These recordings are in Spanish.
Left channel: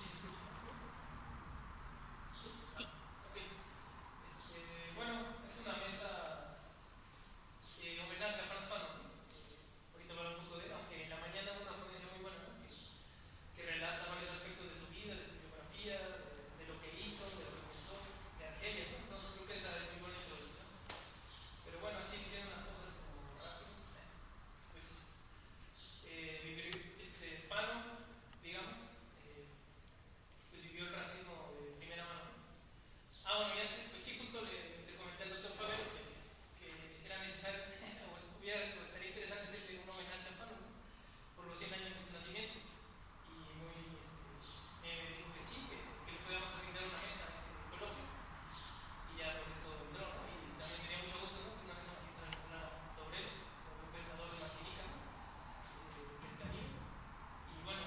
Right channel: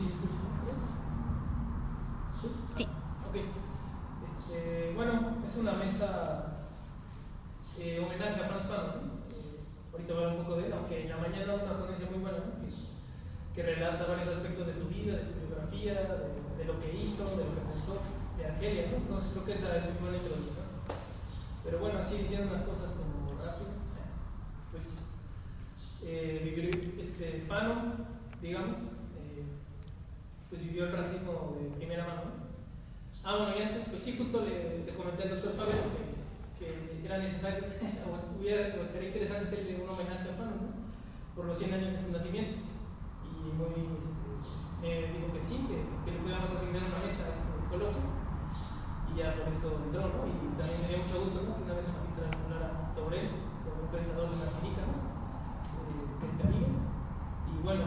¿Sí se escucha? ¿Sí? Sí. Ok. Bueno, es una mesa homenaje a Frantz Fanon, ¿no? Ahorita voy a hablar un poco de él, aunque en la mañana una ponencia muy buena, ¿no? Que relata varios aspectos de su vida, de su biografía, de lo que hizo, de lo que pensó, de Argelia, ¿no? Entonces creo que esa es muy buena introducción. Pero bueno, así diciendo unas cosas como rápido, pues Fanon, digamos, pues vivió el racismo de primera mano, ¿no? Bueno, y antes, pues sí, justo le comenté al doctor Fabio que era necesario, o estaría interesante hacerle un homenaje a Fanon, ¿no? Por los 100 años de su nacimiento. Y me dijo que sí, que le podíamos asignar una mesa a este coloquio. Y ya por eso entró, ¿no? Y también me dio mucho gusto, ¿no? Que una mesa magistral hablara sobre él, sobre un pensador de Martinica, ¿no? Del Caribe. Y bueno,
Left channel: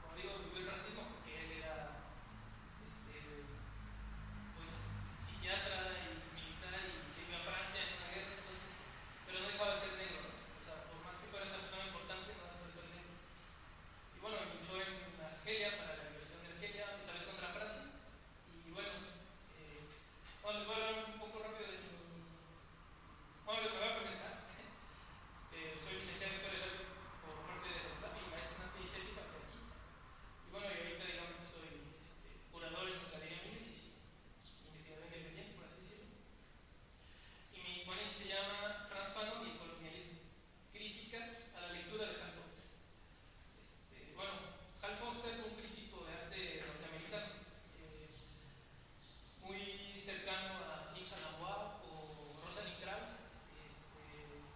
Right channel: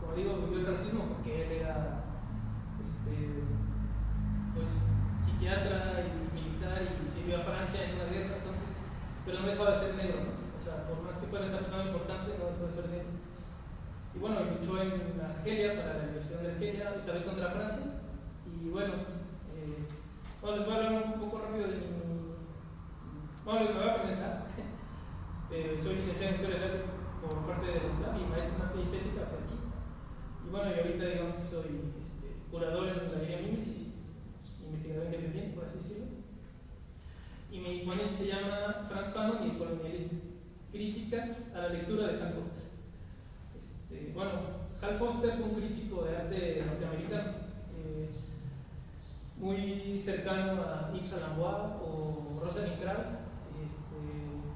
como digo, vivió el racismo porque él era pues psiquiatra y militar y sirvió a Francia en una guerra, entonces, pero no dejó de ser negro, ¿no? O sea, por más que fuera esta persona importante, no dejó de ser negro. Y bueno, luchó en Argelia para la liberación de Argelia, esta vez contra Francia. Y bueno, les voy a hablar un poco rápido de mi. Bueno, me voy a presentar. Soy licenciado en Historia del Arte por parte de la UNAM y maestro en Arte y Estética por aquí. Y bueno, y ahorita digamos que soy curador en la Galería Mimesis, investigador independiente, por así decirlo. Y mi ponencia se llama Frantz Fanon y el colonialismo, crítica a la lectura de Hal Foster. Bueno, Hal Foster fue un crítico de arte norteamericano, muy cercano a Yves Saint Laurent o Rosalind Krauss,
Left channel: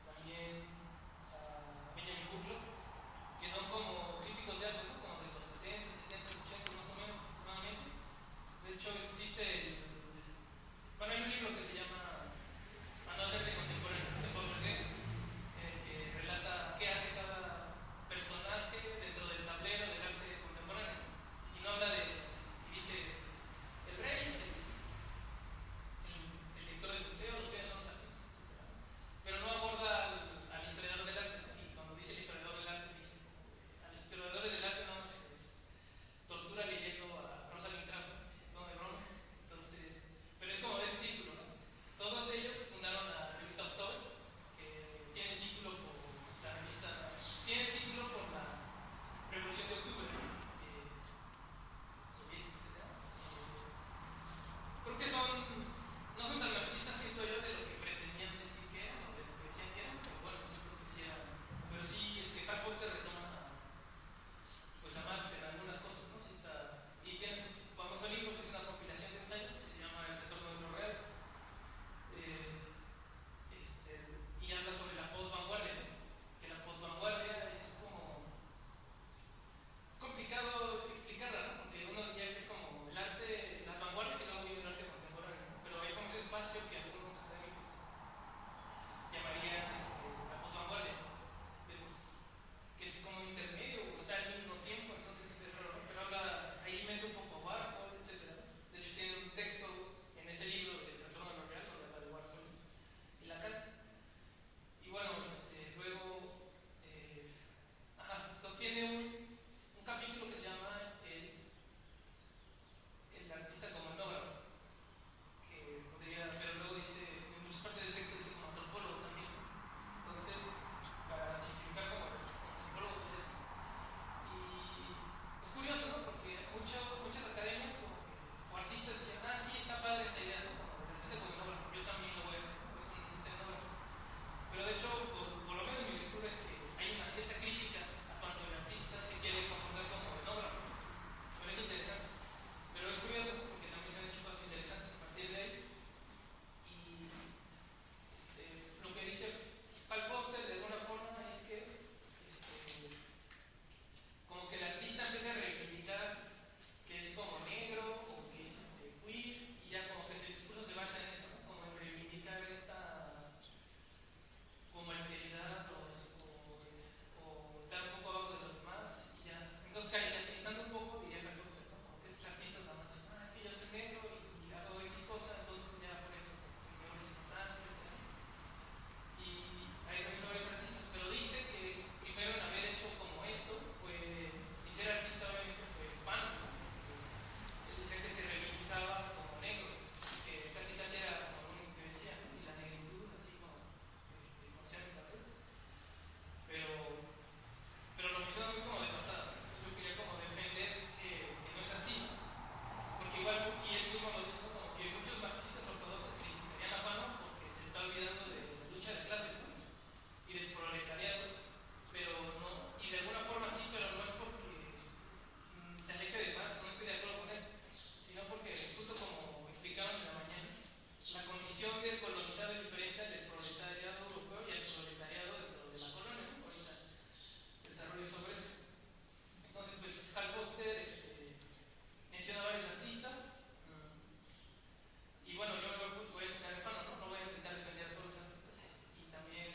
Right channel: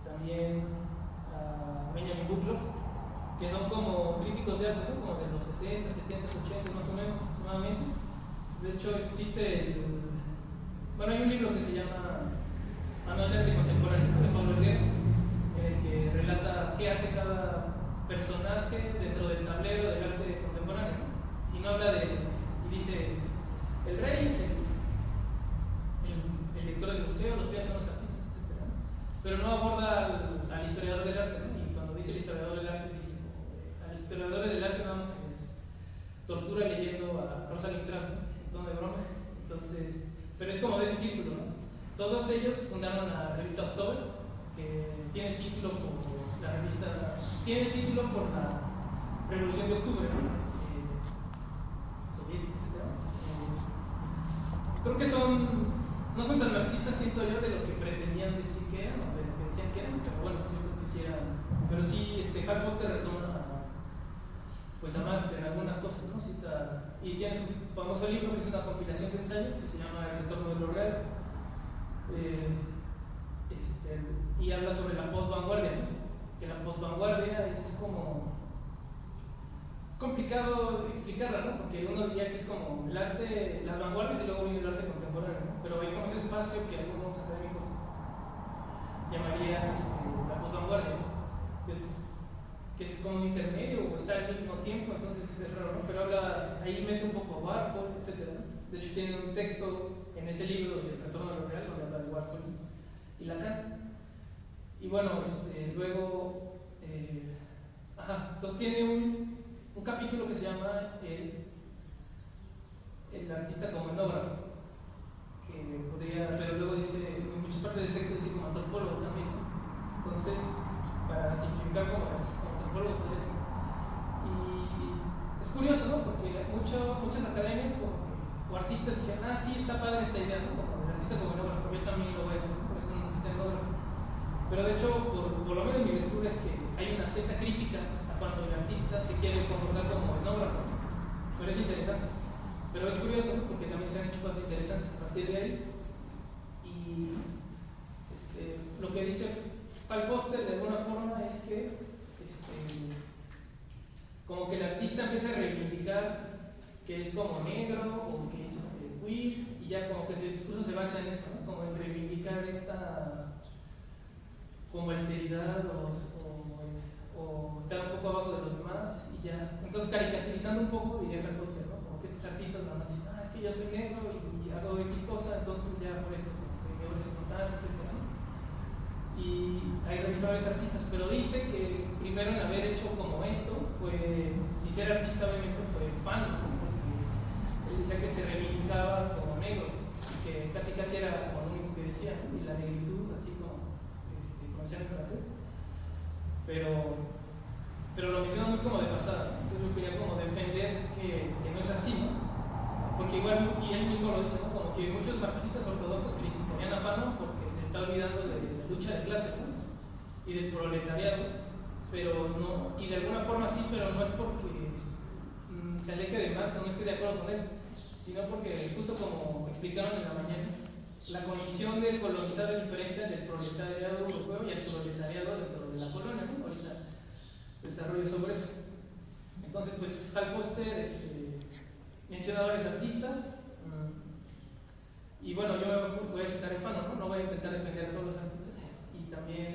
también a Benjamin Butler, que son como críticos de arte, ¿no? Como de los 60, 70, 80 más o menos aproximadamente. De hecho, bueno, hay un libro que se llama Manual de Arte Contemporáneo de Pablo Herrera, en el que relata qué hace cada personaje dentro del tablero del arte contemporáneo. Y no habla y dice, el rey es el director del museo, los bienes son los artistas, etc. Pero no aborda al historiador del arte, ¿no? Y cuando dice el historiador del arte, dice, a los historiadores del arte no se les tortura leyendo a Rosalind Krauss, ¿no? En tono de broma. Entonces, pero es como de ese círculo, ¿no? Todos ellos fundaron la revista October, que tiene el título por la Revolución de Octubre, ¿no? Soviética, etc. Creo que no son tan marxistas, siento yo, de lo que pretendían decir que eran, o de lo que decían que eran, pero bueno, yo creo que sí eran. Pero sí, Hal Foster retoma pues a Marx en algunas cosas, ¿no? Y tiene su famoso libro, que es una compilación de ensayos, que se llama El retorno de lo real. Y habla sobre la post-vanguardia, ¿no? Que la post-vanguardia es complicado explicarla, ¿no? Porque uno diría que es como el arte, las vanguardias y luego viene el arte contemporáneo, ¿no? Pero hay como ese espacio que algunos académicos llamarían la post-vanguardia, ¿no? Que es como un intermedio o está al mismo tiempo, entonces es raro, ¿no? Pero ahí mete un poco Warhol, etc. De hecho, tiene un texto en ese libro de Retorno a lo Real donde habla de Warhol y Lacan. Y bueno, luego, entonces tiene un capítulo que se llama el artista como etnógrafo, pero luego dice, en muchas partes del texto dice como antropólogo también, ¿no? Entonces, para simplificar como antropólogo, pues es. Y es curioso, ¿no? Porque muchas academias o artistas dijeron, sí, está padre esta idea, ¿no? Como el artista como etnógrafo, yo también lo voy a hacer, porque soy un artista etnógrafo. Pero de hecho, por lo menos mi lectura es que hay una cierta crítica a cuando el artista se quiere comportar como etnógrafo. Pero es interesante. Pero es curioso, ¿no? Porque también se han hecho cosas interesantes a partir de ahí. Y lo que dice Hal Foster de alguna forma es que como que el artista empieza a reivindicar que es como negro o que es queer, y ya como que su discurso se basa en eso, ¿no? Como en reivindicar esta como alteridad o estar un poco abajo de los demás y ya. Entonces caricaturizando un poco diría Hal Foster, ¿no? Como que estos artistas nada más dicen, es que yo soy negro y hago X cosa, entonces ya por eso como que mi obra es importante, etc. Y hay revisores artistas, pero dice que primero en haber hecho como esto fue, sin ser artista obviamente, fue fan se aleje de Marx o no esté de acuerdo con él, sino porque, justo como explicaron en la mañana, la condición del colonizado es diferente al del proletariado europeo y al proletariado dentro de la colonia, ¿no? Ahorita desarrollo sobre eso. Entonces, pues Hal Foster menciona a varios artistas, y bueno, yo voy a citar en Fanon, ¿no? No voy a intentar defender a todos los artistas, y también,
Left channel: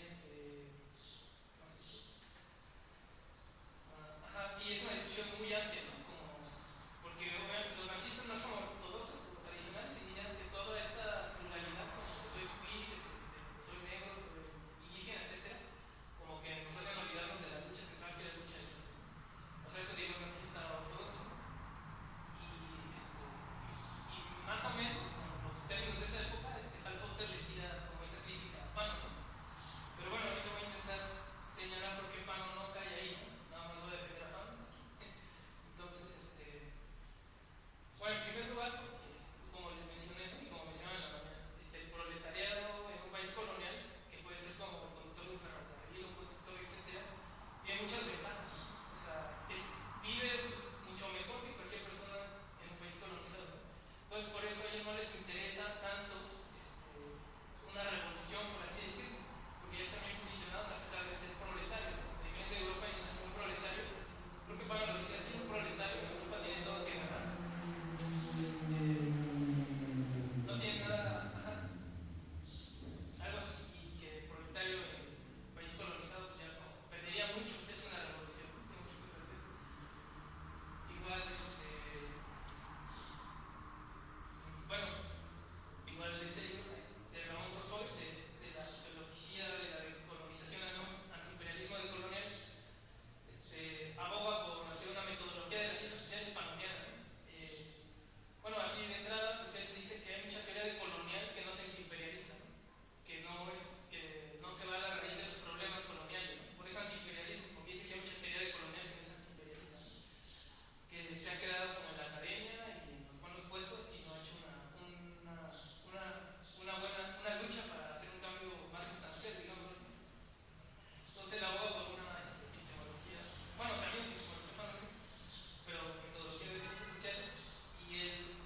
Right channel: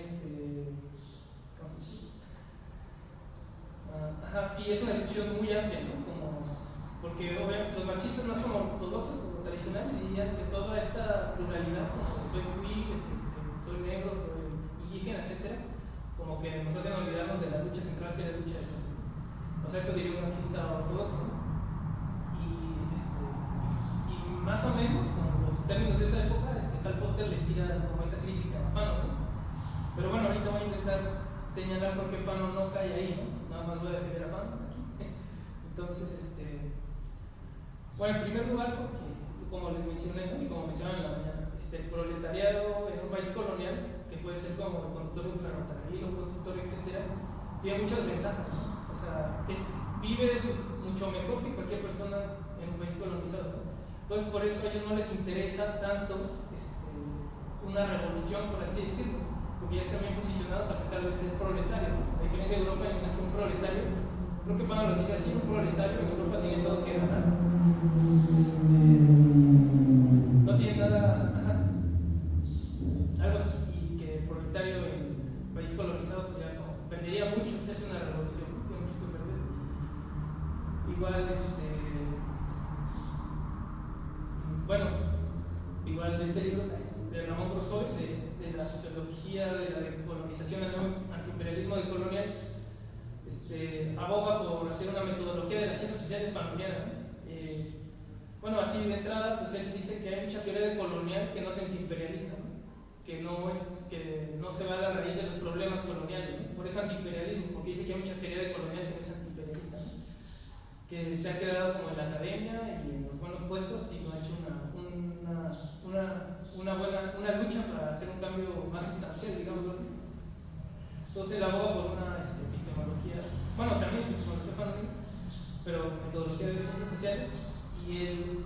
¿cómo se dice? Y es una discusión muy amplia, ¿no? Porque los marxistas más como ortodoxos o tradicionales dirían que toda esta pluralidad, como soy queer, soy negro, soy indígena, etc., como que nos hacen olvidarnos de la lucha central que es la lucha de clase. O sea, eso diría un marxista ortodoxo. Y más o menos, con los términos de esa época, Hal Foster le tira como esa crítica a Fanon, ¿no? Pero bueno, ahorita voy a intentar señalar por qué Fanon no cae ahí, ¿no? Nada más voy a defender a Fanon aquí. Entonces, bueno, en primer lugar, porque como les mencioné, ¿no? Y como mencionaban en la mañana, el proletariado en un país colonial, que puede ser como el conductor de un ferrocarril, un constructor, etc., tiene muchas ventajas, ¿no? O sea, vive mucho mejor que cualquier persona en un país colonizado, ¿no? Entonces, por eso a ellos no les interesa tanto una revolución, por así decirlo, porque ya están bien posicionados a pesar de ser proletarios, ¿no? A diferencia de Europa, en la que un proletario, creo que Fanon lo dice así, un proletario en Europa tiene todo que ganar. No tiene nada, algo así, y que el proletario en el país colonizado pues ya como perdería mucho si hace una revolución, ¿no? Tiene mucho que perder. Igual, bueno, igual este libro de Ramón Grosfoy, de la sociología de la decolonización al antiimperialismo decolonial, aboga por hacer una metodología de las ciencias sociales familiares, ¿no? Bueno, así de entrada, pues él dice que hay mucha teoría decolonial que no es antiimperialista, ¿no? Que no se va a la raíz de los problemas coloniales, ¿no? Por eso antiimperialismo, porque dice que hay mucha teoría decolonial que no es antiimperialista, ¿no? Que se ha quedado como en la academia y en los buenos puestos y no ha hecho una lucha para hacer un cambio más sustancial, digámoslo así. Entonces él aboga por una epistemología, bueno, también epistemología Fanon, pero metodología de ciencias sociales, y él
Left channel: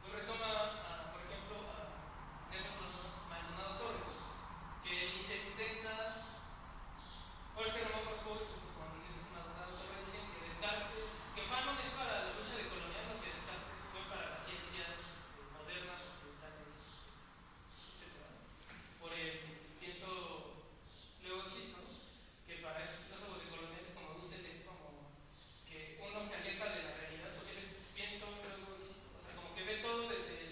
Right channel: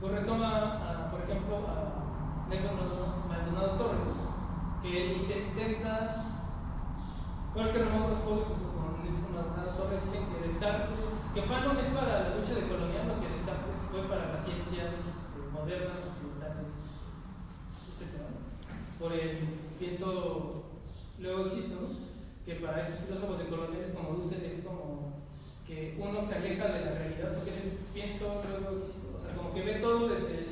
pues retoma, por ejemplo, a Nelson Maldonado Torres, que él intenta, pues que Ramón Grosfoy junto con Nelson Maldonado Torres dicen que Descartes, que Fanon es para la lucha decolonial, lo que Descartes fue para las ciencias modernas, occidentales, etc. Por el pienso luego existo, ¿no? Que para estos filósofos decoloniales como Dussel es como que uno se aleja de la realidad, porque es el pienso luego existo, o sea, como que ve todo desde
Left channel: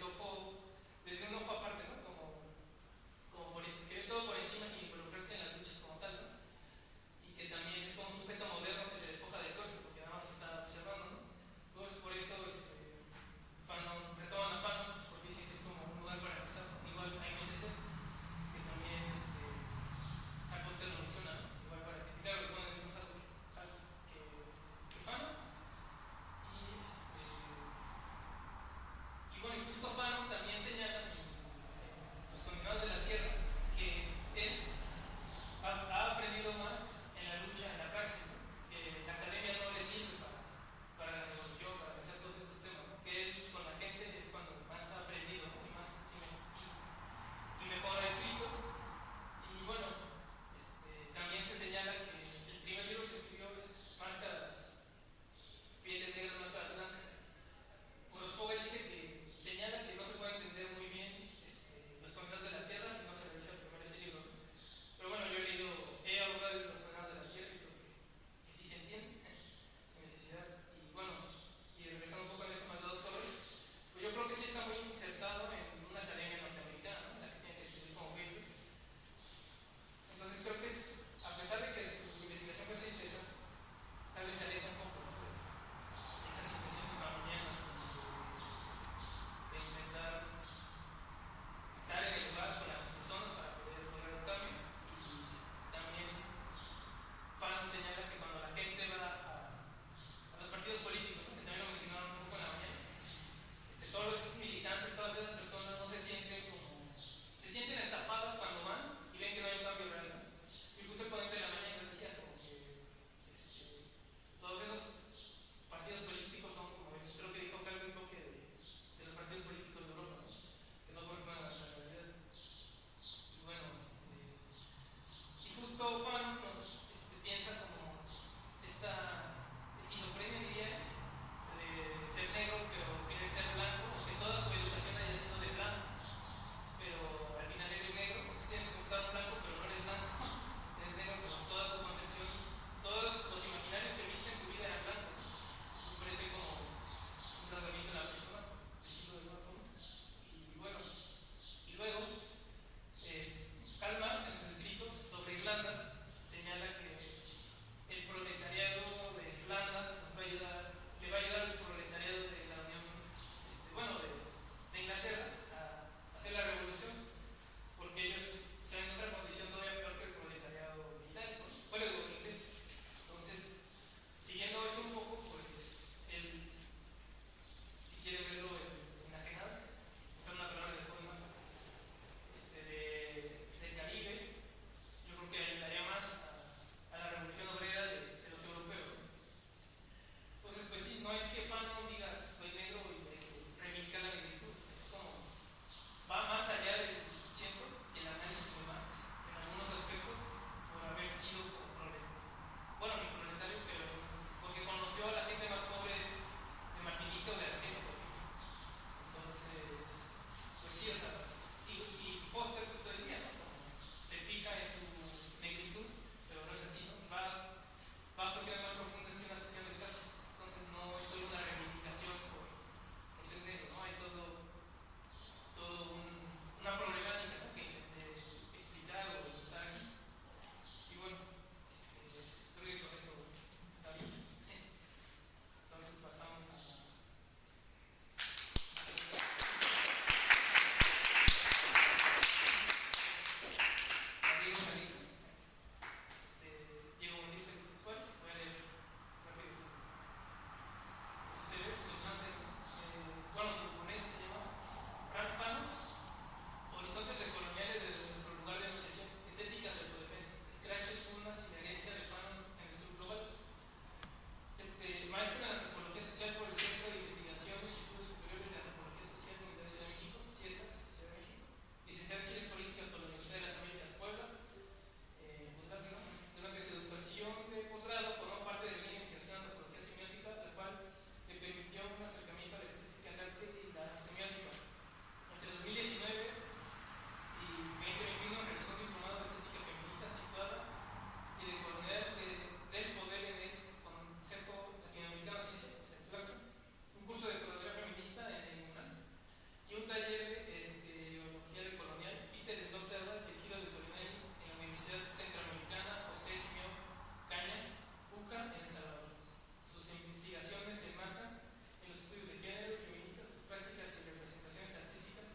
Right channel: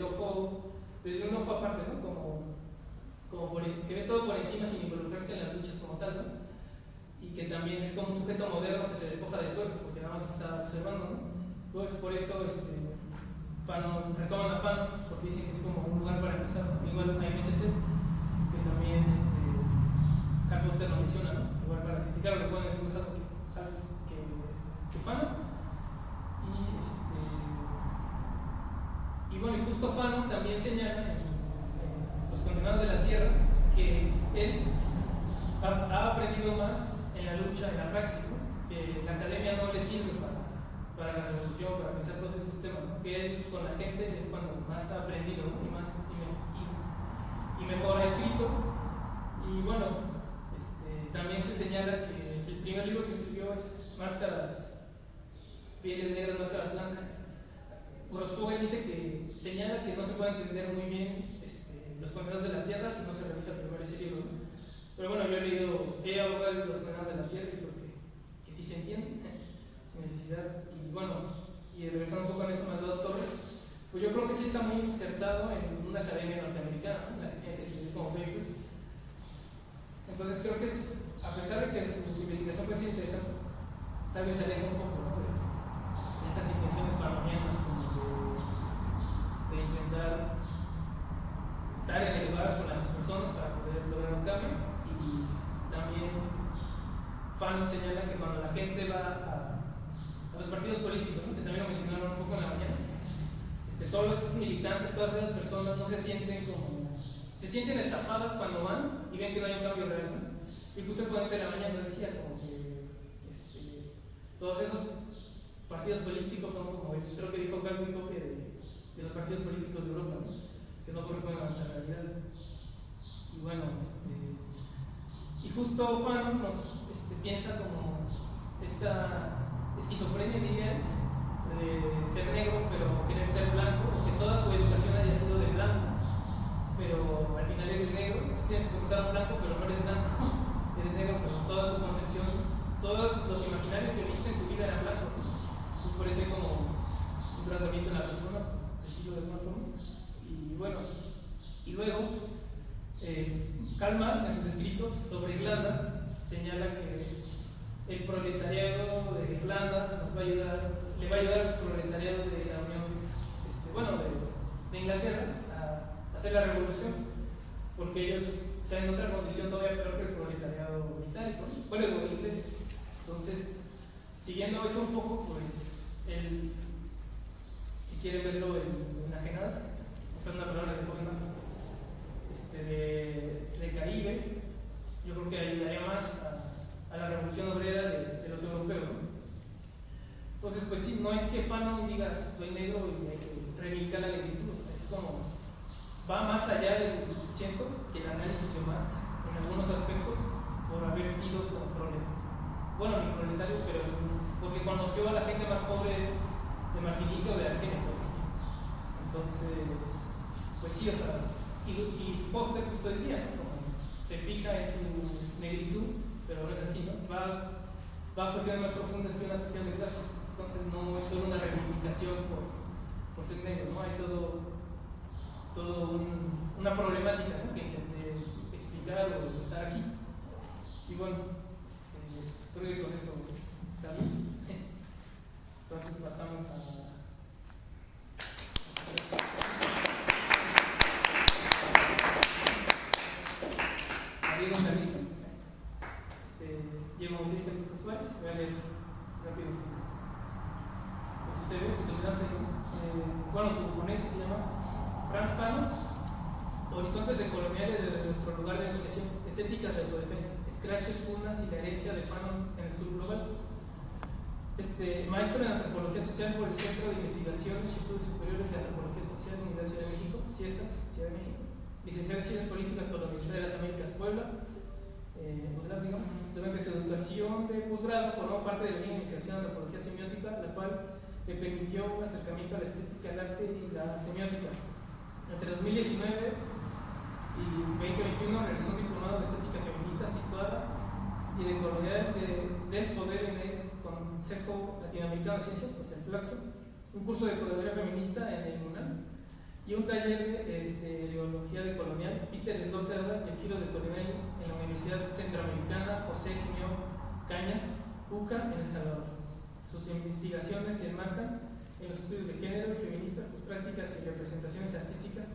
un ojo aparte, ¿no? Que ve todo por encima sin involucrarse en las luchas como tal, ¿no? Y que también es como un sujeto moderno que se despoja de todo, porque nada más está observando, ¿no? Entonces, por eso retoman a Fanon, porque dicen que es como un lugar para empezar, ¿no? Igual a MSC, que también Hal Foster lo menciona, ¿no? Igual para criticar lo que pueden empezar que Fanon. Y bueno, y justo Fanon también señala en Los Condenados de la Tierra que él ha aprendido más en la lucha, en la praxis, ¿no? Que la academia no le sirve para la revolución, para pensar todos estos temas, ¿no? Que él con la gente es cuando más ha aprendido, ¿no? y mejor ha escrito. Y bueno, también se señala que el primer libro que escribió es Máscaras, pieles negras, máscaras blancas. Grosfoy dice que señala que no se puede entender muy bien Los Condenados de la Tierra si no se revisa primero ese libro, ¿no? Pero bueno, yo he abordado Los Condenados de la Tierra y porque sí se entiende, sin necesidad. Y bueno, y regresando un poco a eso, Maldonado Torres, pues yo creo que sí está muy insertado en una academia norteamericana, ¿no? La que tiene que escribir como papers. Entonces creo que a pesar de que su investigación puede ser interesante, tal vez se aleja un poco, ¿no? de estas intenciones fanonianas, de intentar estar en el lugar con las personas para poder lograr un cambio. Y también Fanon señala que cuando la gente va a los partidos políticos, ¿no? Que también lo mencionaron un poco en la mañana, todos los militantes, todas esas personas no se sienten estafadas cuando van y ven que no hay un cambio real, ¿no? Y justo el ponente de la mañana decía como que todos esos partidos políticos son creo que dijo Calvin copia de los partidos políticos de Europa, ¿no? Que no corresponden a la realidad. Y bueno, y justo Fanon nos piensa como esta esquizofrenia, diría, de ser negro pero querer ser blanco, o que toda tu educación haya sido de blanco, pero al final eres negro. Entonces tienes que ocultar un blanco pero no eres blanco, eres negro, pero toda tu concepción, todos los imaginarios que viste en tu vida eran blancos. Y por eso hay como un graduamiento en la persona, decido de alguna forma. Y bueno, y luego Karl Marx en sus escritos sobre Irlanda señala que el proletariado de Irlanda nos va a ayudar, le va a ayudar al proletariado de la Unión, de Inglaterra a hacer la revolución, porque ellos están en otra condición todavía peor que el proletariado británico, bueno, inglés. Entonces, siguiendo eso un poco, pues, si quieren verlo en enajenada, esta es una palabra de forma de Caribe, yo creo que ayudaría más a la revolución obrera de los europeos, ¿no? Entonces, pues sí, no es que Fanon diga soy negro y hay que reivindicar la negritud, es como va más allá del Chento que el análisis de Marx en algunos aspectos por haber sido proletario. Bueno, mi proletario, pero porque conoció a la gente más pobre de Martinica o de Argelia. Entonces, pues sí, o sea, y Foster justo decía, ¿no? Como se fija en su negritud, pero no es así, ¿no? Va a cuestiones más profundas que una cuestión de clase. Entonces no es solo una reivindicación por ser negro, ¿no? Hay una problemática, ¿no? Que intenté explicar o usar aquí. Y bueno, creo que con eso está bien. Entonces pasamos a Diego Calixto. Diego Calixto Suárez. Voy a leer rápido sus series, sus enlaces. Bueno, su ponencia se llama Franz Fanon, Horizontes decoloniales de nuestro lugar de negociación, estéticas de autodefensa, scratches, pugnas y la herencia de Fanon en el sur global. Maestro en Antropología Social por el Centro de Investigaciones y Estudios Superiores de Antropología Social, Universidad de México, CIESAS, Ciudad de México. Licenciado en Ciencias Políticas por la Universidad de las Américas, Puebla. Durante su educación de posgrado formó parte de la línea de investigación en Antropología Semiótica, la cual le permitió un acercamiento a la estética, al arte y la semiótica. Entre 2019 y 2021 realizó un diplomado de estética feminista situada y de colonialidad del poder en el Consejo Latinoamericano de Ciencias, o sea, el CLACSO, un curso de curaduría feminista en el UNAM y un taller de ideología decolonial, Peter Sloterdijk y el giro decolonial en la Universidad Centroamericana José Simón Cañas, UCA, en El Salvador. Sus investigaciones se enmarcan en los estudios de género y feministas, sus prácticas y representaciones artísticas,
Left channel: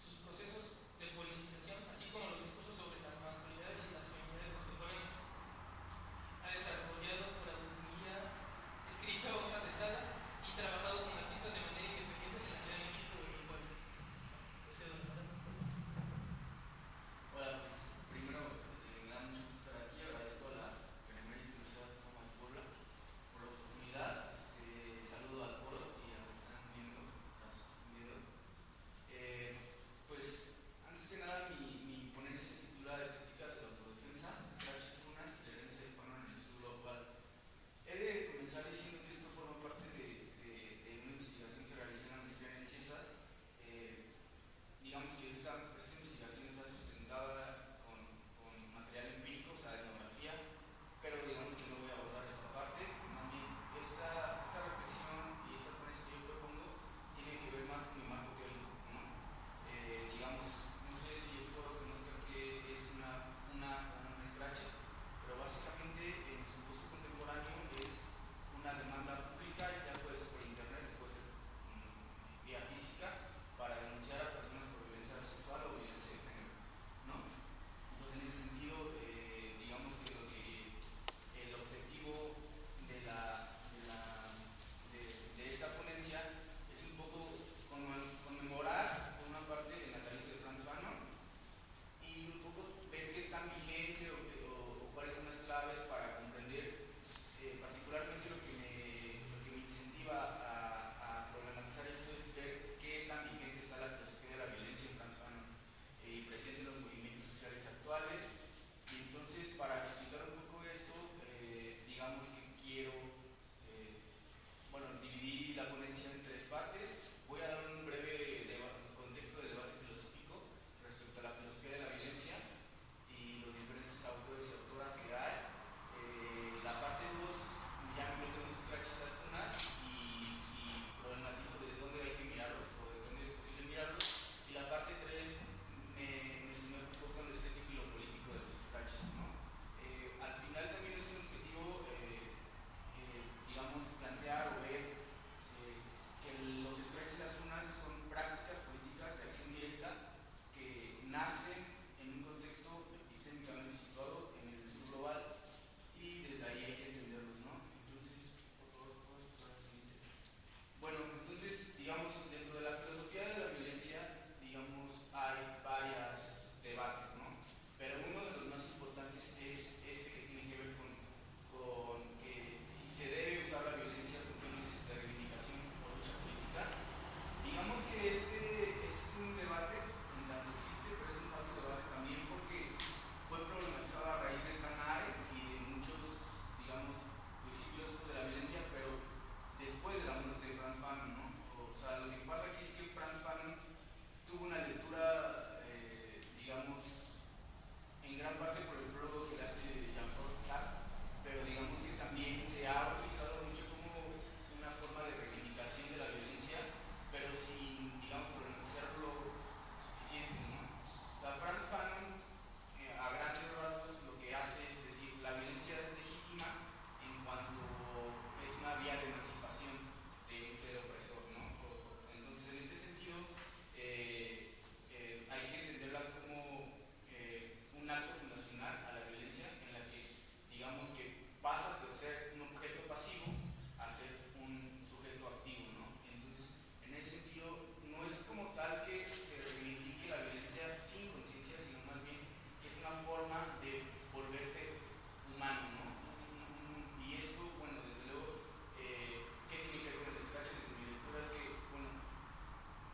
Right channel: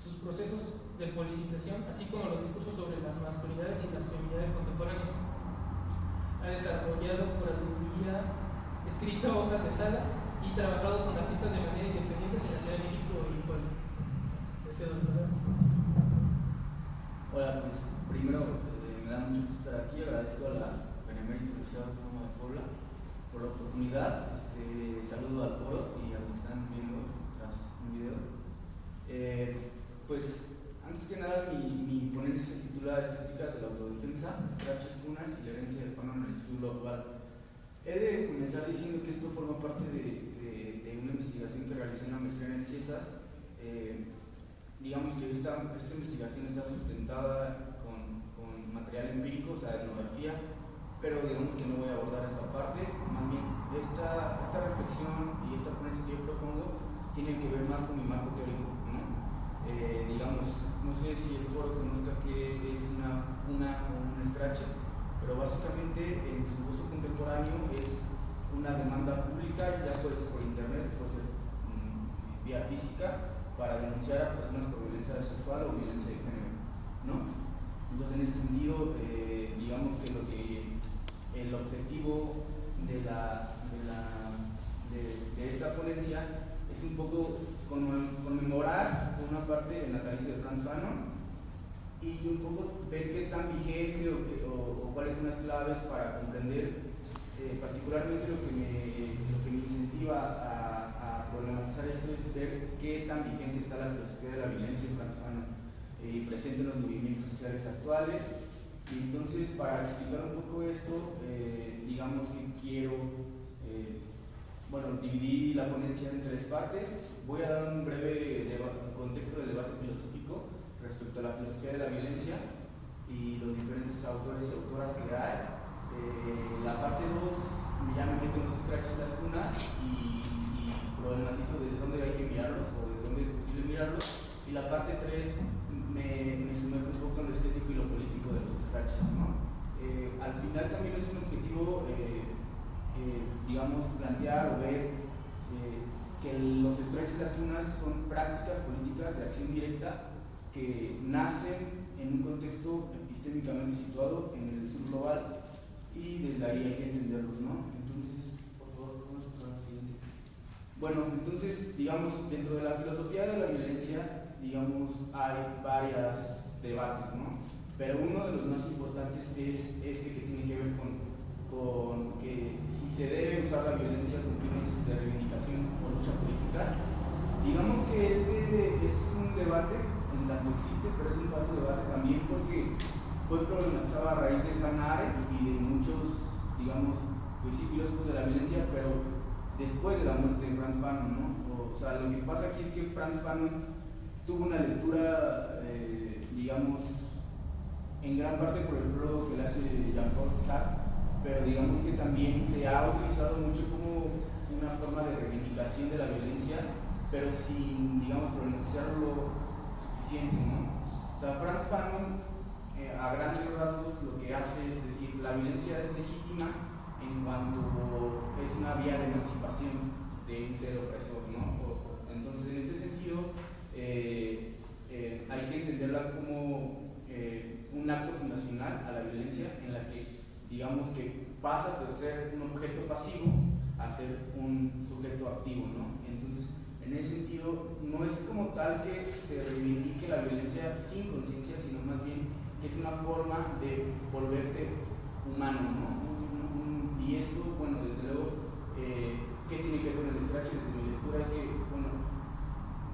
sus procesos de politización, así como los discursos sobre las masculinidades y las feminidades contemporáneas. Ha desarrollado curaduría, escrito obras de sala y trabajado con artistas de manera independiente en la Ciudad de México y Puebla. Hola, pues primero me da mucho gusto estar aquí, agradezco a la Benemérita Universidad Autónoma de Puebla por la oportunidad, saludo al foro y a los que están viendo tras un video. Pues antes que nada mi ponencia se titula Estéticas de la Autodefensa, scratches, pugnas y la herencia del Fanon en el sur global. He de comenzar diciendo que esto forma parte de una investigación que realicé en la maestría en el CIESAS. Digamos que esta investigación está sustentada con material empírico, o sea, etnografía, pero digamos que no voy a abordar esta parte. Más bien, esta reflexión y esta ponencia que yo propongo tiene que ver más con mi marco teórico, ¿no? Digamos, no sé si el foro conozca qué es una pugna o un scratch, pero básicamente en su uso contemporáneo es una demanda pública, ya puede ser por internet, puede ser vía física, para denunciar a personas por violencia sexual o violencia de género, ¿no? Entonces, en ese sentido, digamos que el objetivo de esta ponencia es un poco conmemorar, por una parte, el natalicio de Franz Fanon y un poco ver qué tan vigente o cuáles son las claves para comprender particularmente lo que me incentiva a partes. Voy a dar un breve contexto del debate filosófico respecto a la filosofía de la violencia y los diferentes autores y autoras que hay. La parte 2 ya me meto en los scratches las unas y problematizo desde dónde hay que mirarlos o desde dónde es posible mirarlos. Y la parte 3 me sumerjo un poco en lo estético y lo político de los scratches, ¿no? Al final también es un objetivo, digamos, plantear o ver que los scratches de las unas son prácticas políticas de acción directa que nacen en un contexto epistémicamente situado en el sur global y desde ahí hay que entenderlos, ¿no? Entonces, por favor, vamos a pasar al siguiente. Bueno, entonces, digamos, dentro de la filosofía de la violencia, digamos, hay varios debates, ¿no? Pero uno de los más importantes es este que tiene que ver con que si se debe usar la violencia con fines de reivindicación o lucha política. Digamos que este es un debate, en tanto existe, pero es un falso debate también porque fue problematizado a raíz de Hannah Arendt y de muchos, digamos, pues sí, filósofos de la violencia, pero después de la muerte de Frantz Fanon, ¿no? O sea, lo que pasa aquí es que Frantz Fanon tuvo una lectura, digamos, en gran parte por el prólogo que le hace Jean-Paul Sartre, pero digamos que también se ha utilizado mucho como una forma de reivindicación de la violencia, pero sin, digamos, problematizarlo suficiente, ¿no? O sea, Frantz Fanon, a grandes rasgos, lo que hace es decir, la violencia es legítima en cuanto es una vía de emancipación de un ser opresor, ¿no? Entonces, en este sentido, hay que entenderla como un acto fundacional a la violencia en la que, digamos que pasas de ser un objeto pasivo a ser un sujeto activo, ¿no? Entonces, en ese sentido, no es como tal que se reivindique la violencia sin conciencia, sino más bien que es una forma de volverte humano, ¿no? Y esto, bueno, desde luego, ¿qué tiene que ver con el scratch? Desde mi lectura es que, bueno,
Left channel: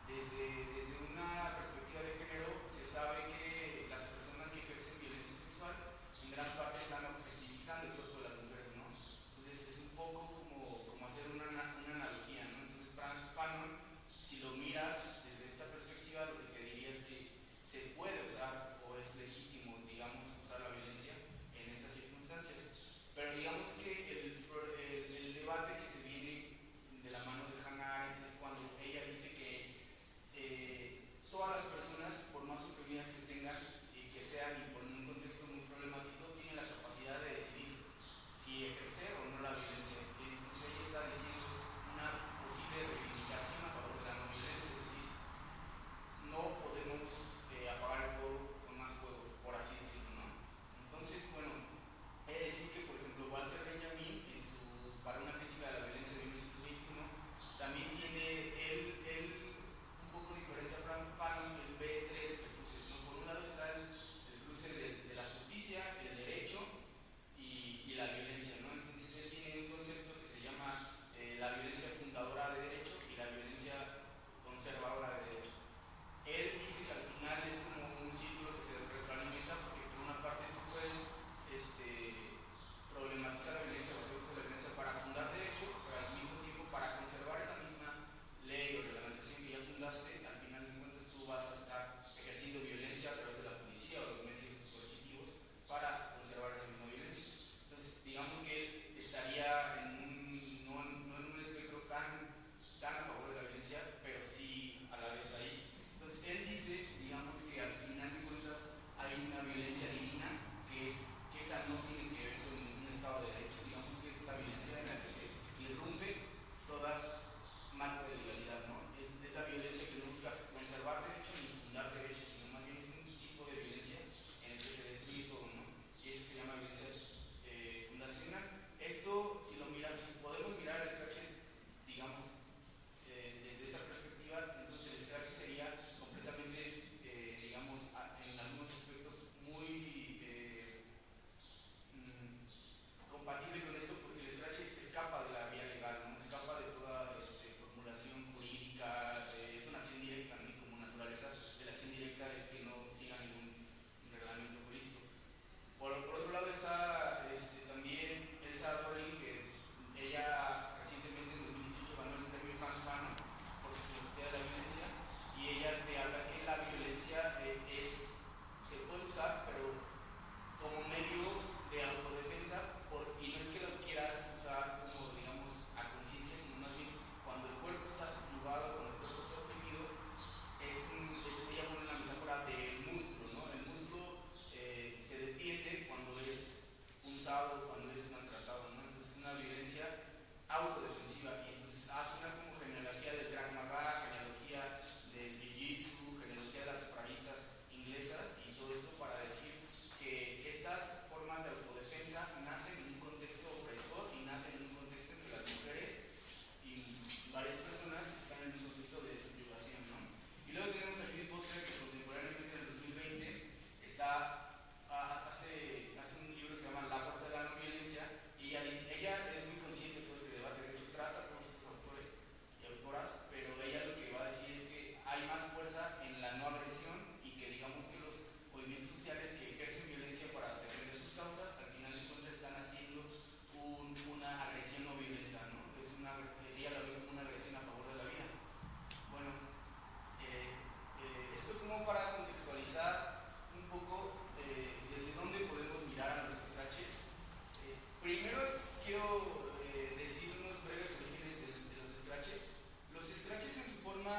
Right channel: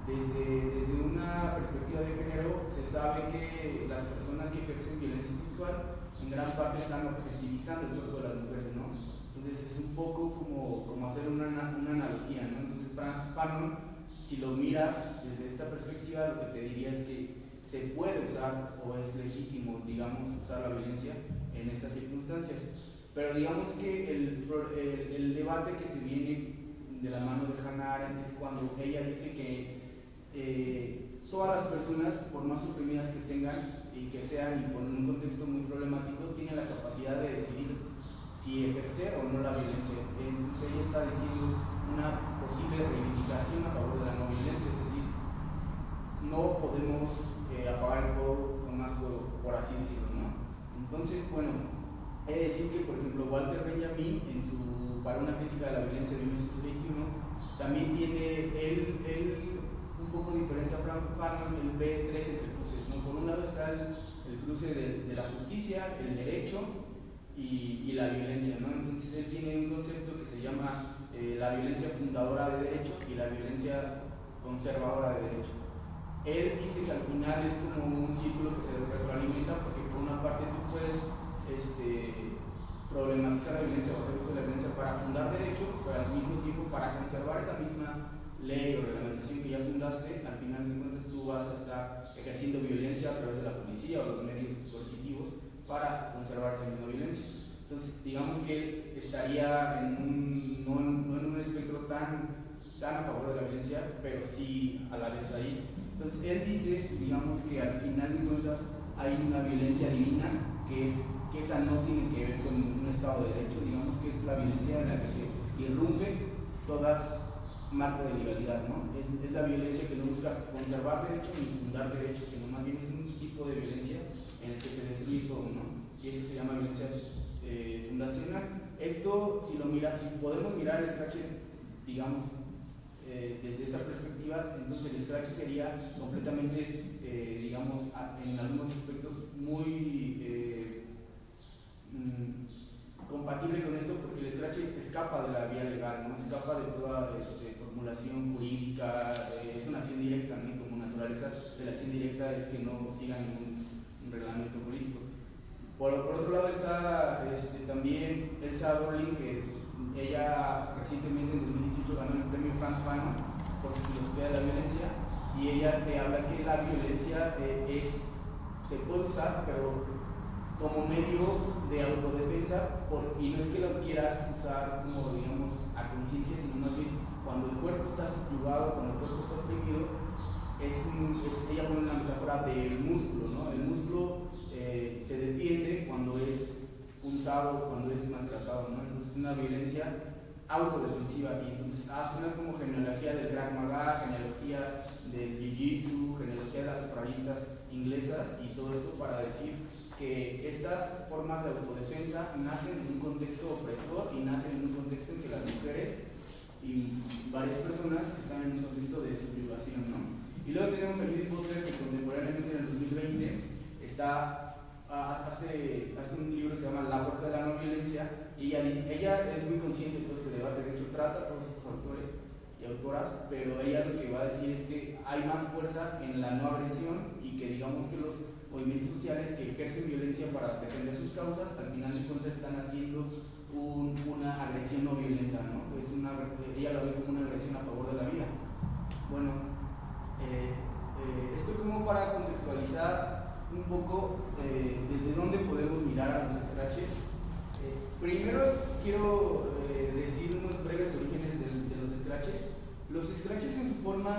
desde una perspectiva de género se sabe que las personas que ejercen violencia sexual en gran parte están objetivizando el cuerpo de las mujeres, ¿no? Entonces es un poco como hacer una analogía, ¿no? Entonces Fanon, si lo miras desde esta perspectiva, lo que te diría es que se puede usar o es legítimo, digamos, usar la violencia en estas circunstancias. Pero digamos que el debate que se viene de la mano de Hannah Arendt es cuando ella dice que todas las personas, por más oprimidas que tengan y que sean y en un contexto muy problemático, tienen la capacidad de decidir si ejercer o no la violencia. Entonces ella está diciendo una posible reivindicación a favor de la no violencia, es decir, no podemos apagar el fuego con más fuego, por así decirlo, ¿no? Entonces, bueno, he de decir que, por ejemplo, Walter Benjamin, para una crítica de la violencia de 1921, también tiene él un poco diferente a Frank Fanon, él ve tres entrecruces, ¿no? Por un lado está el cruce de la justicia, el derecho y la violencia, ¿no? Entonces él tiene un concepto que se llama la violencia fundadora de derecho y la violencia conservadora de derecho. Él dice que al final es como un círculo que se retroalimenta porque por una parte tú puedes problematizar la violencia o hacer uso de la violencia para fundar derecho, pero al mismo tiempo para conservar esa misma ley o reglamentación que ya fundaste, al final de cuentas tú vas a estar ejerciendo violencia a través de la policía o los medios coercitivos para conservar esa misma violencia. Entonces, digamos que él estaría no en un espectro tan a favor de la violencia, pero sí a la vez ahí. Entonces, él dice, digamos, que al final de cuentas hay una violencia divina que esa no tiene que ver con un estado de derecho, digamos que es la violencia en la que se irrumpe toda marco de legalidad, ¿no? Es la violencia que no busca conservar derechos ni fundar derechos, sino más bien es un tipo de violencia en el que se destruye todo, ¿no? Y eso se llama violencia fundacional. Esto, si podemos mirar el scratch, digamos, desde esa perspectiva, entonces el scratch sería completamente, digamos, en algunos aspectos muy compatible con esto, porque el scratch escapa de la vía legal, ¿no? Escapa de toda formulación jurídica, es una acción directa, ¿no? Y como naturaleza de la acción directa es que no siga ningún reglamento político. Por otro lado está también Elsa Dorling, que ella recientemente en 2018 ganó el premio Frantz Fanon usar, pero como medio de autodefensa, y no es que lo quieras usar como, digamos, a conciencia, sino más bien cuando el cuerpo está subyugado, cuando el cuerpo está oprimido, ella pone una metáfora del músculo, ¿no? El músculo se defiende cuando es punzado, cuando es maltratado, ¿no? Entonces es una violencia autodefensiva, y entonces hace una como genealogía del Krav Maga, genealogía del Jiu-Jitsu, genealogía de las separistas inglesas y todo esto para decir que estas formas de autodefensa nacen en un contexto opresor y nacen en un contexto en que las mujeres y varias personas están en un contexto de subyugación, ¿no? Y luego tenemos a Judith Butler, que contemporáneamente en el 2020 hace un libro que se llama La fuerza de la no violencia, y ella es muy consciente de todo este debate. De hecho trata a todos estos autores y autoras, pero ella lo que va a decir es que hay más fuerza en la no agresión, y que digamos que los movimientos sociales que ejercen violencia para defender sus causas, al final de cuentas están haciendo una agresión no violenta, ¿no? Ella lo ve como una agresión a favor de la vida. Bueno, esto como para contextualizar un poco desde dónde podemos mirar a los scratches. Primero quiero decir unos breves orígenes de los scratches. Los scratches en su forma,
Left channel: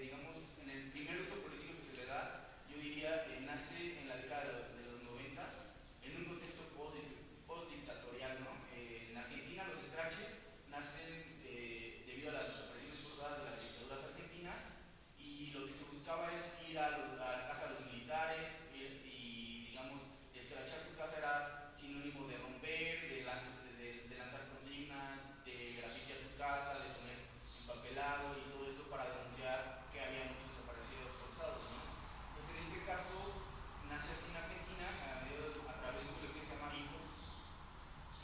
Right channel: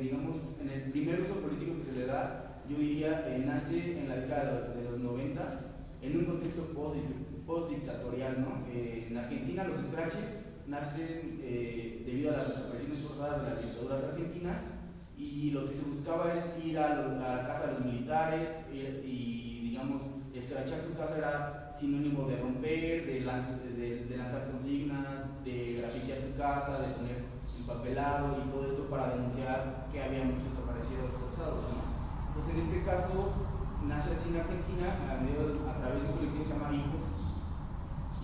digamos, en el primer uso político que se le da, yo diría, nace en la década de los 90 en un contexto post-dictatorial, ¿no? En Argentina los scratches nacen debido a las desapariciones forzadas de las dictaduras argentinas, y lo que se buscaba es ir a la casa de los militares y digamos, escrachar su casa era sinónimo de romper, de lanzar consignas, de grafitear su casa, de poner empapelado y todo esto para denunciar que había muchos desaparecidos forzados, ¿no? Entonces en este caso nace así en Argentina a través de un colectivo que se llama Hijos.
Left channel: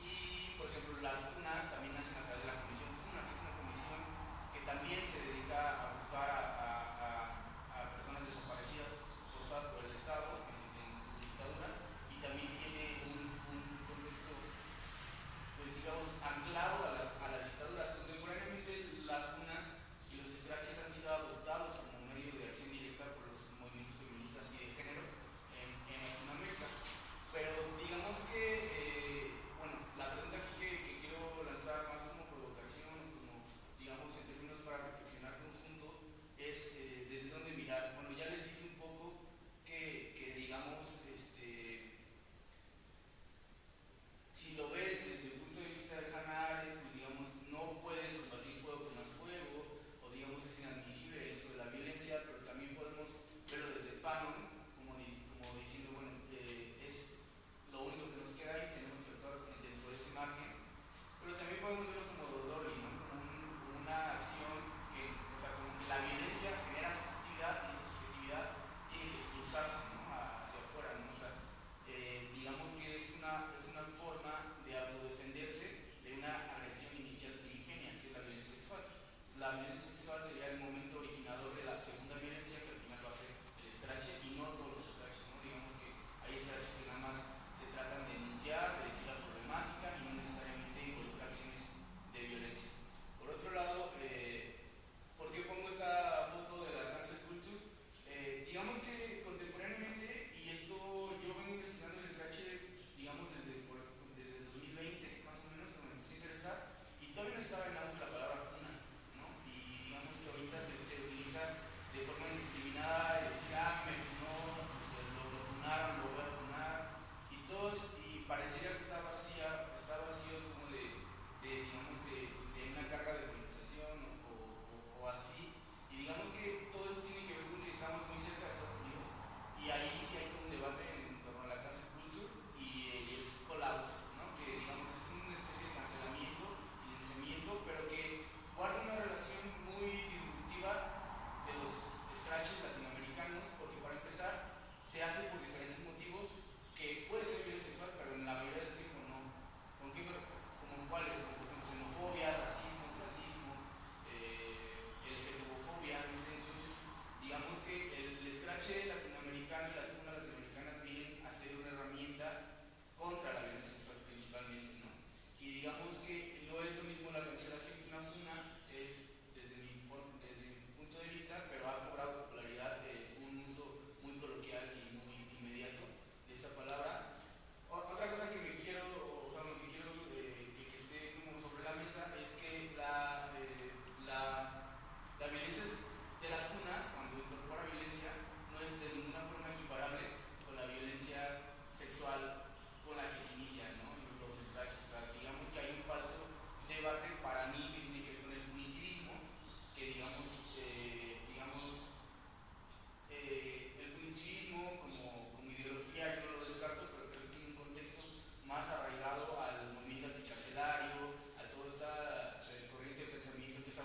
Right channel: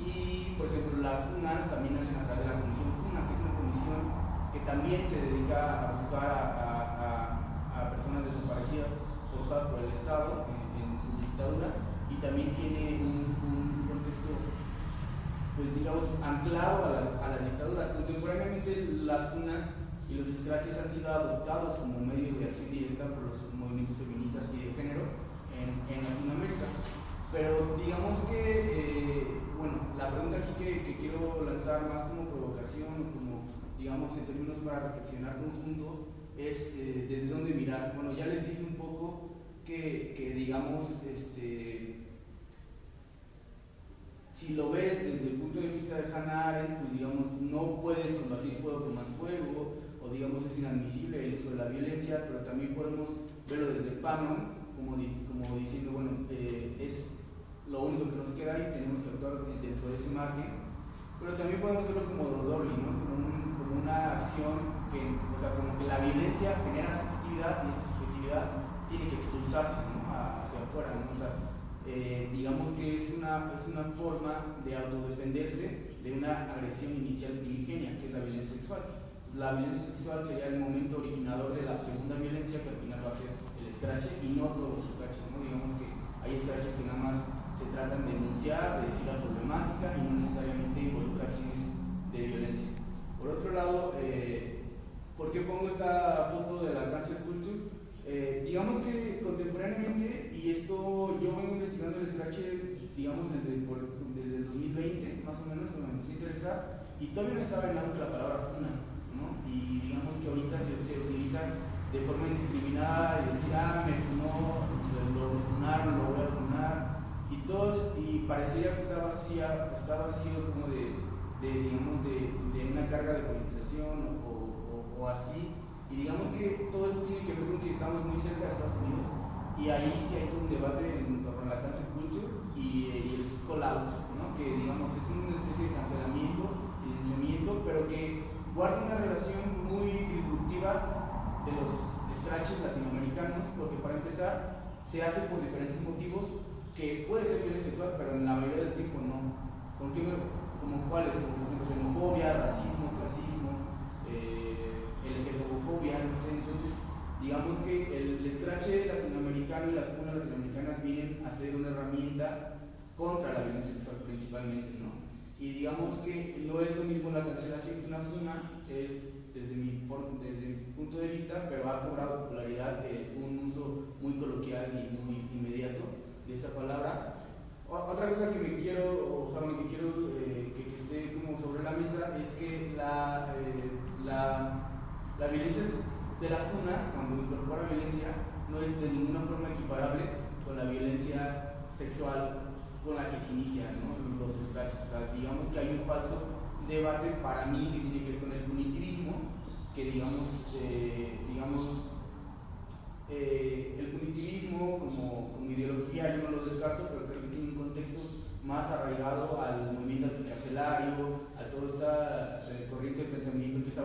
Y por ejemplo las FUNAs también nacen a través de la comisión FUNA, que es una comisión que también se dedica a buscar a personas desaparecidas forzadas por el Estado en su dictadura, y también tiene un contexto, pues digamos, anclado a las dictaduras. Contemporáneamente las FUNAs y los scratches han sido adoptados como medio de acción directa por los movimientos feministas y de género en Latinoamérica. Pero digamos que, bueno, la pregunta aquí que quiero lanzar más como provocación, como digamos en términos para reflexionar conjunto, es desde dónde mirar. Bueno, ya les dije un poco que digamos, si lo ves desde el punto de vista de Hannah Arendt, pues digamos, no puedes combatir fuego con más fuego, o digamos es inadmisible el uso de la violencia, pero también podemos verlo desde Fanon, como diciendo, bueno, es lo único que nos queda y tenemos que actuar dentro de ese margen. Pero también podemos verlo como Dodorli, ¿no? Como una acción que, o sea, como que la violencia genera subjetividad, y esa subjetividad tiene que expulsarse, ¿no? Hacia afuera, ¿no? O sea, digamos que es una forma de autodefenderse de una agresión inicial primigenia, que es la violencia sexual. La violencia sexual sería el momento originador de la segunda violencia, que al final va a ser el scratch, y no todos los scratches, ¿no? Digamos que hay scratches que nada más se tratan de denunciar, de decir la problemática, y no necesariamente involucra acciones de violencia. Por otro lado, ¿por qué pongo esta foto de la cancel culture? Digamos que contemporáneamente, y esto yo vengo investigando el scratch, digamos desde el 2020, más o menos, cuando me empecé a interesar, y todavía no estaba en auge la palabra funa, ¿no? Y digamos que ahorita se utiliza de forma indiscriminada, y decir, me funó, lo funaron, lo voy a funar, y parecería que está vacío como digamos, de una carga de politización o así. Y digamos que todo esto tiene que ver con que estamos muy cerca de Estados Unidos, y ahí sí hay todo un debate en torno a la cancel culture y el call out, ¿no? Que digamos es una especie de cancelamiento, silenciamiento, pero que guarda una relación muy disruptiva de los scratches latinoamericanos, porque para empezar se hace por diferentes motivos, que puede ser violencia sexual, pero en la mayoría del tiempo no. ¿Como cuáles? Como xenofobia, racismo, clasismo, LGTBofobia, no sé. Entonces, digamos que el scratch latinoamericano y las funas latinoamericanas vienen a ser una herramienta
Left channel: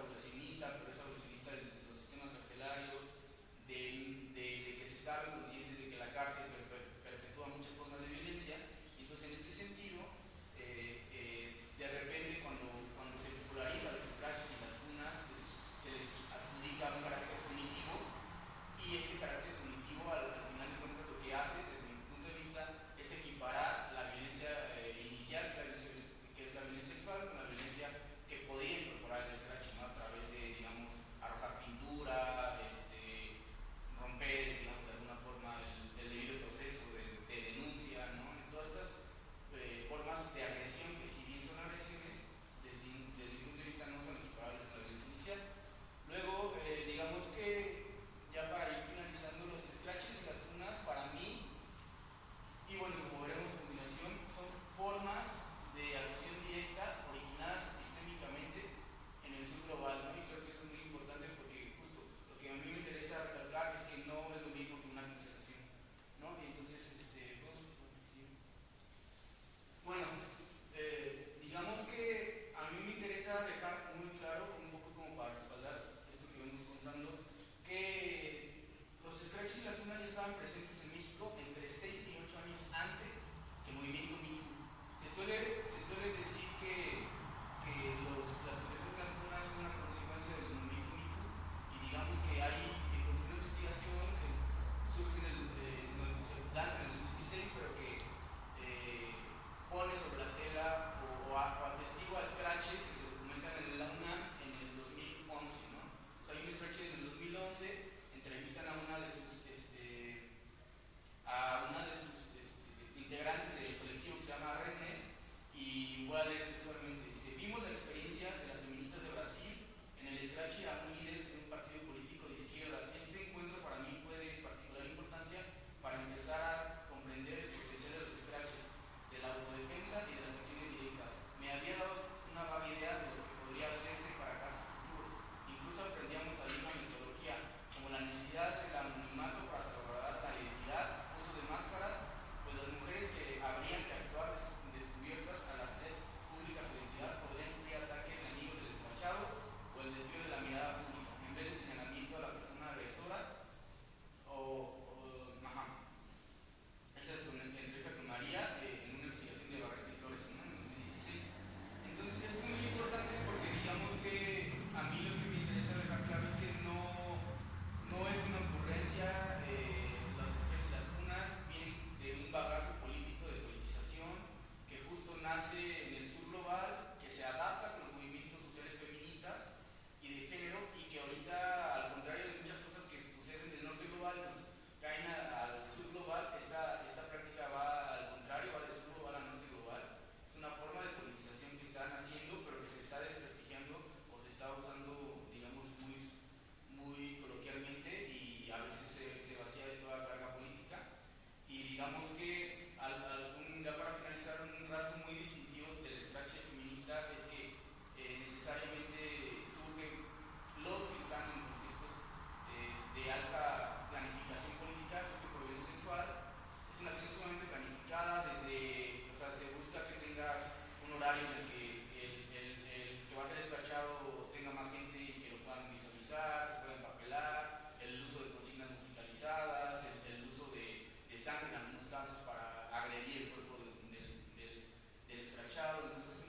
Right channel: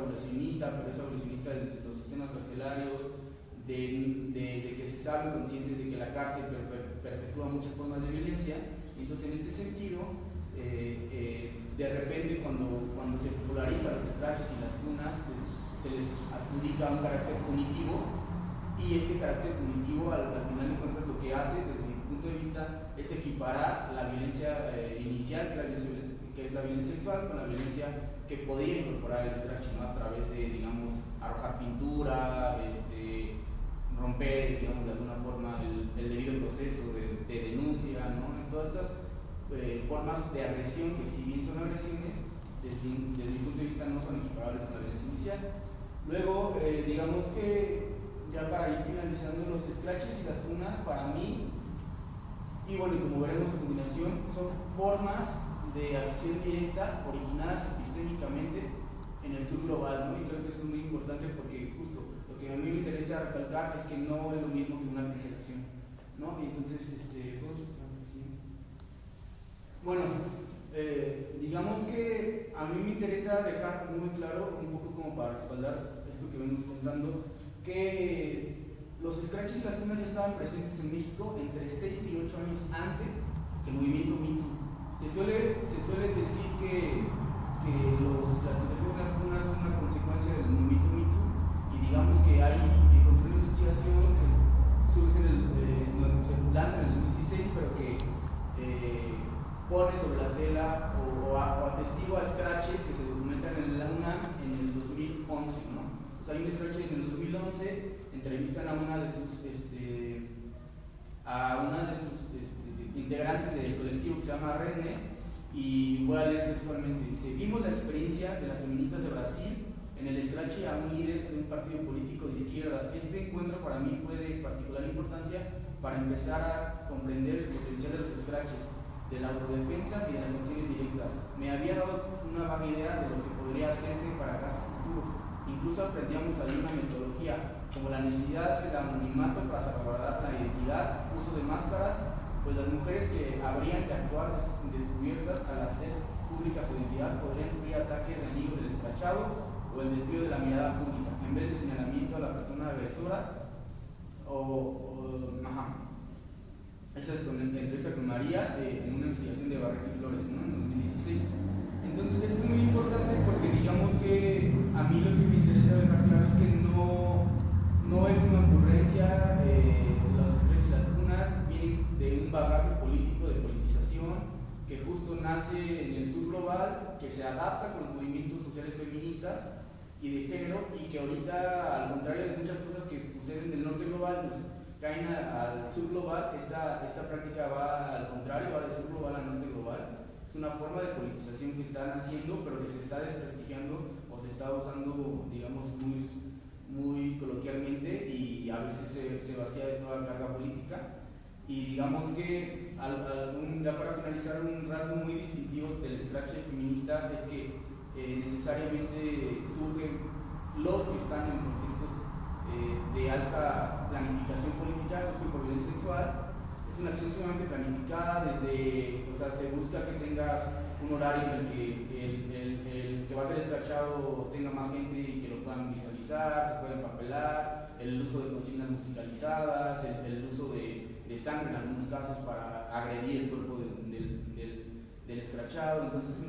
abolicionista, pero es abolicionista de los sistemas carcelarios, de que se sabe conscientes de que la cárcel perpetúa muchas formas de violencia. Y entonces, en este sentido, de repente, cuando se populariza los scratches y las funas, pues, se les adjudica un carácter punitivo, y este carácter punitivo, al final de cuentas, lo que hace, desde mi punto de vista, es equiparar la violencia inicial, que es la violencia sexual, con la violencia que podría incorporar el scratch, ¿no? A través de, digamos, arrojar pintura, romper, digamos, de alguna forma el debido proceso de denuncia, ¿no? Todas estas formas de agresión, que si bien son agresiones, desde mi punto de vista no son equiparables a la violencia inicial. Luego, digamos que ya para ir finalizando, los scratches y las funas, para mí, y bueno, como veremos a continuación, son formas de acción directa originadas epistémicamente en el sur global, ¿no? Y creo que eso es muy importante, porque justo lo que a mí me interesa recalcar es que no es lo mismo que una cancelación, ¿no? Y entonces, bueno, digamos que a mí me interesa dejar muy claro, un poco como para respaldar esto que vengo contando, que los scratches y las funas ya estaban presentes en México entre 6 y 8 años antes que el movimiento Me Too. Se suele decir que las cancelaciones de las funas son una consecuencia del movimiento Me Too, y digamos que encontré una investigación que surge se lanza en el 2016, pero que pone sobre la tela o atestigua scratches que se documentan en la UNAM en el 2011, ¿no? O sea, hay un scratch en el 2011, entrevistan a una de sus integrantes del colectivo que se llama Redne, y voy a leer textualmente. Dice: vimos la experiencia de las feministas de Brasil en el scratch a un líder de un partido político de izquierda. Este encuentro para mí fue de particular importancia para empezar a comprender el potencial de los scratches, de la autodefensa y de las acciones directas. Me había dado una vaga idea de lo que podría hacerse para casos futuros. Incluso aprendíamos ahí una metodología, como la necesidad del anonimato para salvaguardar la identidad, uso de máscaras, pues las mujeres que habrían de actuar descubiertas al hacer pública su identidad podrían sufrir ataques de amigos del escrachado o el desvío de la mirada pública, en vez de señalamiento a la persona agresora Esa es con entrevista con María en una investigación de Barreto y Flores, ¿no? En 2016. Entonces esto es muy importante porque digamos que a mí lo que me interesa dejar claro es que no es una ocurrencia. Los scratches y las funas vienen de un bagaje político de politización que justo nace en el sur global, que se adapta con los movimientos sociales feministas y de género, y que ahorita, al contrario de muchas cosas que suceden en el norte global, pues caen al sur global. Esta práctica va al contrario, va de sur global a norte global. Es una forma de politización que están haciendo, pero que se está desprestigiando o se está usando, digamos, muy coloquialmente, y a veces se vacía de toda carga política. Y digamos que, ya para finalizar, un rasgo muy distintivo del scratch feminista es que necesariamente surgen los que están en contextos de alta planificación política, surgen por violencia sexual. Es una acción sumamente planificada, se busca que tengas un horario en el que el que va a ser escrachado tenga más gente y que lo puedan visualizar, se pueda empapelar, el uso de consignas musicalizadas, el uso de sangre en algunos casos para agredir el cuerpo del escrachado. Entonces es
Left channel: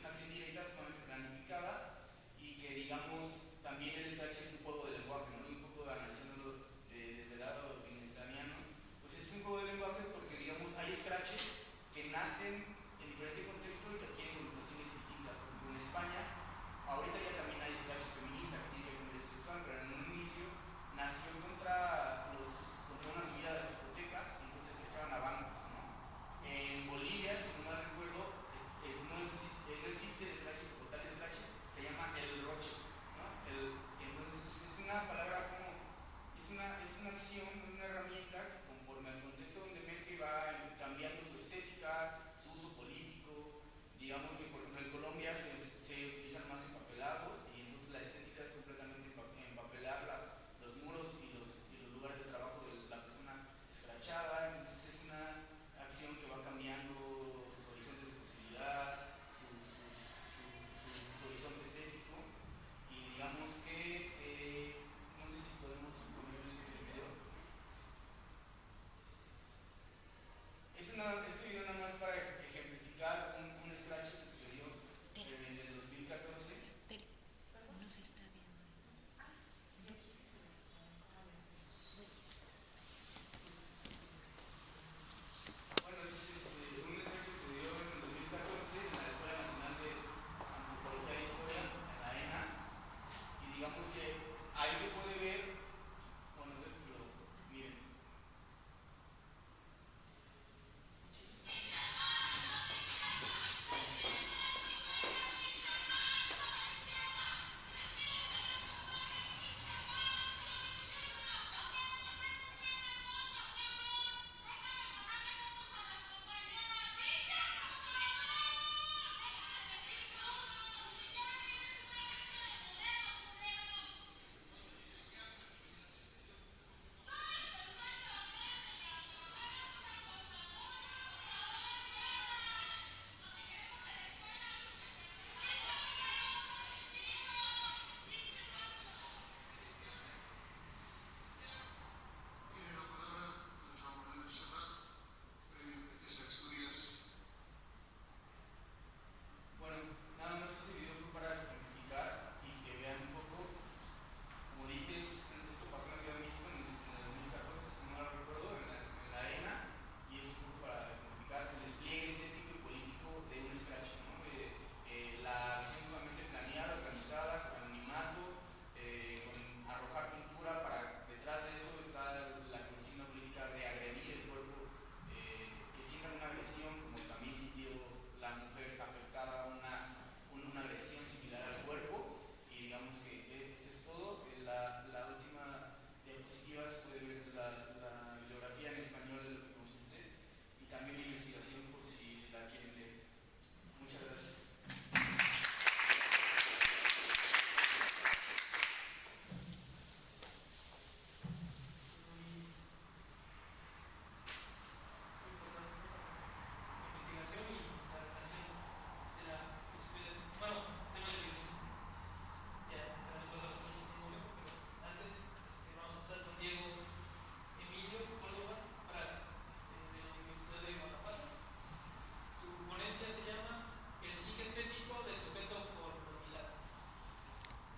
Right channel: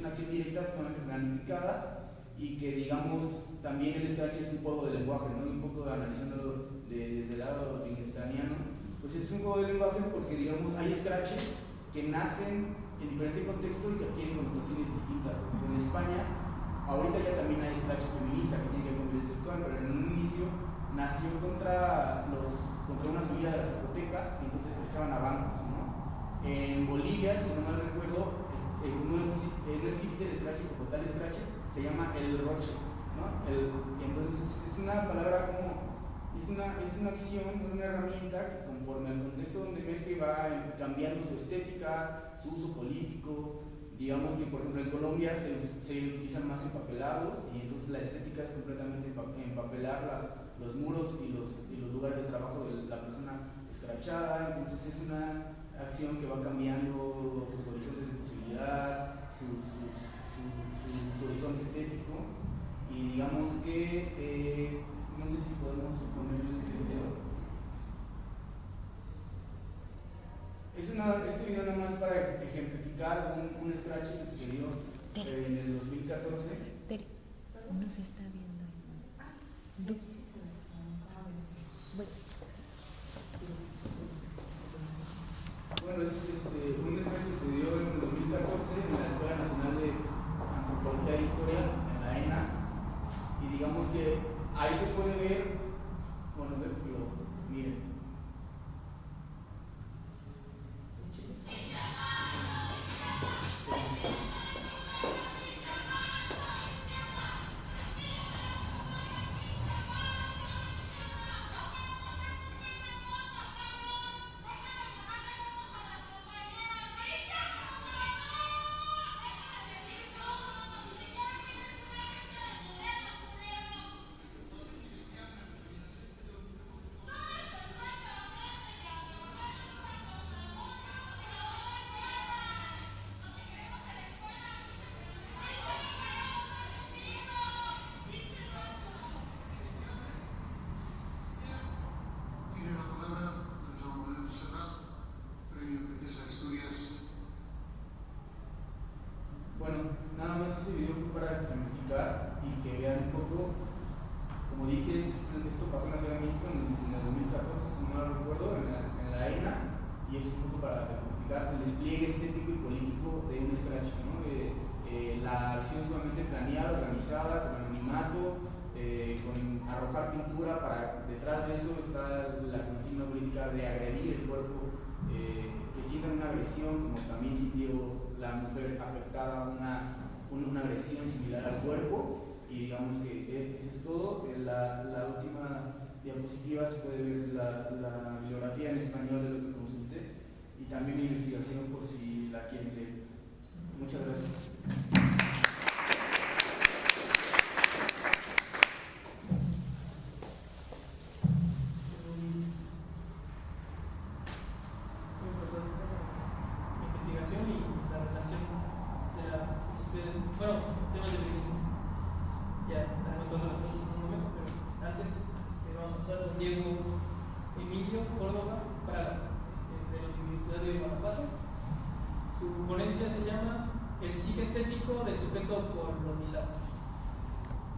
una acción directa sumamente planificada, y que, digamos, también el scratch es un juego de lenguaje, ¿no? Un poco analizándolo desde el lado wittgensteiniano, pues es un juego de lenguaje porque, digamos, hay scratches que nacen en diferentes contextos y que adquieren connotaciones distintas. Por ejemplo, en España, ahorita ya también hay scratch feminista que tiene que ver con violencia sexual, pero en un inicio nació contra una subida de las hipotecas, y entonces se echaban a bancos, ¿no? En Bolivia, si no mal recuerdo, no existe el scratch como tal scratch, se llama el roche, ¿no? Entonces es una palabra es una acción, una herramienta que, conforme al contexto donde emerge, va cambiando su estética, su uso político. Digamos que, por ejemplo, en Colombia se utiliza no se está viendo. Bueno, es un espacio que se dio en el 2014 en la Escuela Nacional de Antropología e Historia, en la ENA, y digamos que ahí se puede ver, bueno, que lo miren. Bueno, nada más ese video fue para ejemplificar y que vean un poco, como dije, esto pasó en la Ciudad de México en el 2014, si no mal recuerdo, en la ENA, y es un poco para ejemplificar el despliegue estético y político de un scratch, ¿no? La acción sumamente planeada, organizada, con anonimato, con arrojar pintura, para detrás de eso está la consigna política de agredir el cuerpo, que sientan una agresión, como también sintió la mujer afectada una agresión similar al cuerpo, y digamos que eso es todo. La última diapositiva se puede ver la bibliografía en español de lo que consulté y también mi investigación por si la quieren leer. Muchas gracias.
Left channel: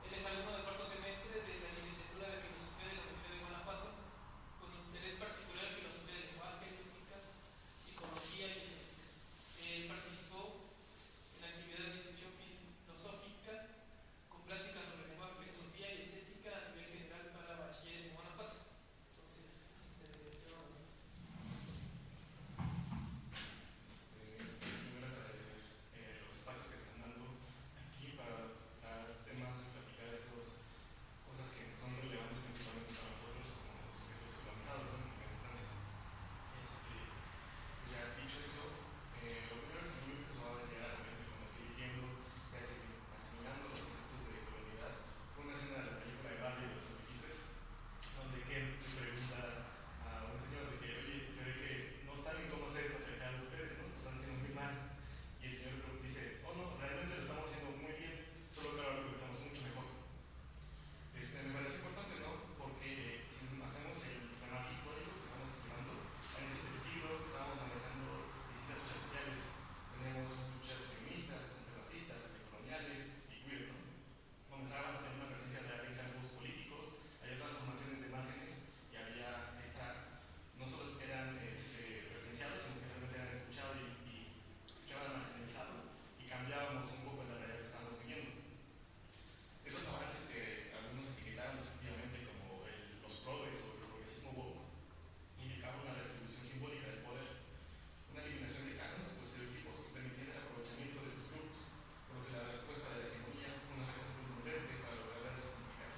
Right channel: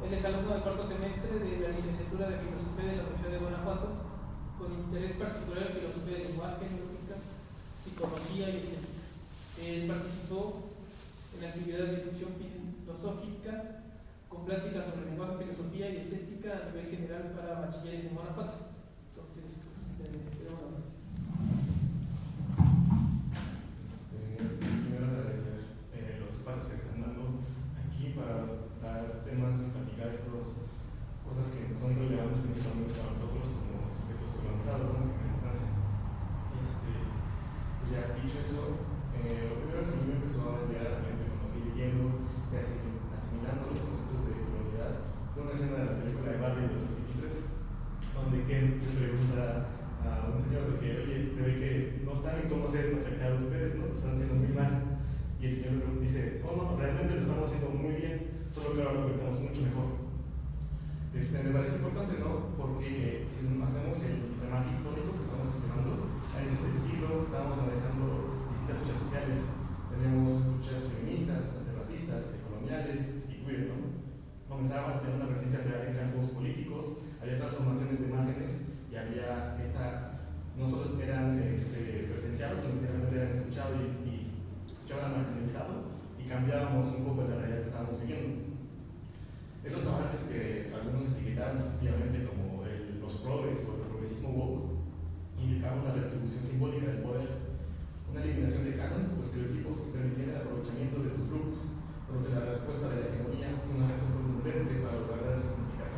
Él es alumno del cuarto semestre de la licenciatura de Filosofía de la Universidad de Guanajuato, con interés particular en filosofía del lenguaje, lógica, psicología y estética. Él participó en la actividad de discusión filosófica con pláticas sobre lenguaje, filosofía y estética a nivel general para bachilleres en Guanajuato. Entonces, primero agradecer los espacios que están dando aquí para dar temas de platicar estas cosas que son relevantes principalmente para nosotros como sujetos organizados, ¿no? En la instancia. Pues ya dicho eso, lo primero que a mí me empezó a llegar a la mente cuando fui leyendo y asimilando los conceptos de comunidad fue una escena de la película de Barbie de 2023, donde Ken le pregunta a un señor de que, oye, se ve que no saben cómo ser afectados ustedes, ¿no? Están haciendo muy mal. Y el señor dice, oh no, realmente lo estamos haciendo muy bien, solo que ahora lo pensamos mucho mejor. Me parece importante, ¿no? Porque si hacemos el remate histórico que estamos llevando, a inicios del siglo estábamos manejando distintas luchas sociales. Tenemos luchas feministas, antirracistas, coloniales y queer, ¿no? Comenzaban a tener una presencia real en campos políticos, había transformaciones de imágenes y había no solo eran presenciados, sino que realmente eran escuchados y escuchaban marginalizado y cambiábamos un poco la realidad que estábamos viviendo. Esos avances que algunos etiquetaron efectivamente como los progres o el progresismo woke indicaban una redistribución simbólica del poder, una eliminación de cánones o estereotipos que permitían el aprovechamiento de estos grupos, por lo que la respuesta de la hegemonía fue una reacción contundente para lograr la resignificación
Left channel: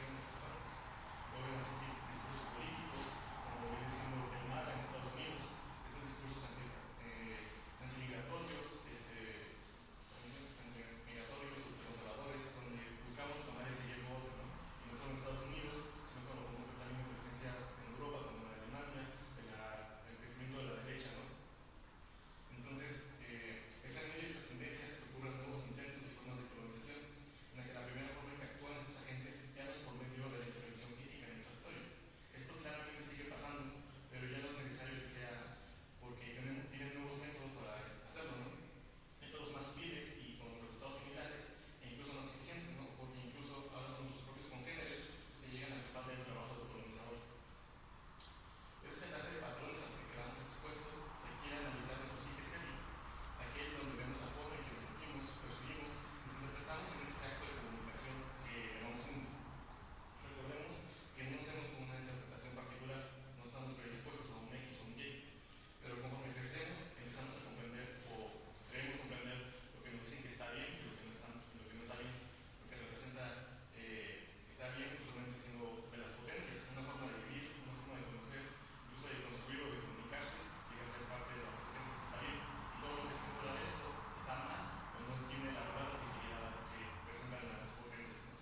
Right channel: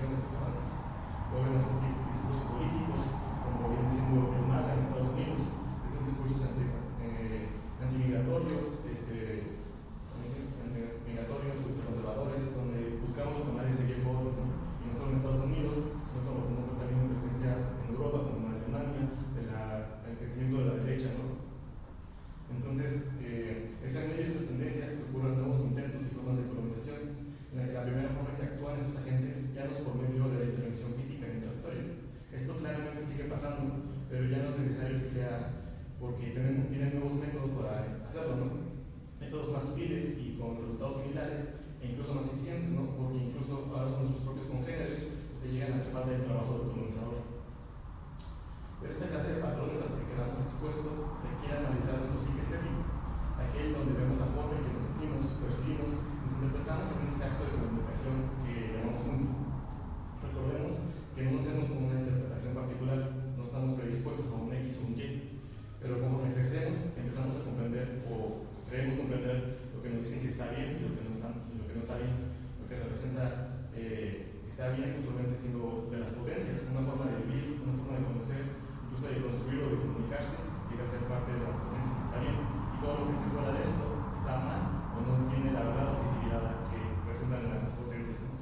está bien usualmente siendo de las potencias, una forma de vivir, una forma de conocer, incluso de construir o de comunicarse, llega a ser parte de las potencias, está bien. Y todo lo que esté fuera de esto está mal o no tiene la verdad objetividad que presentan las potencias, ¿no?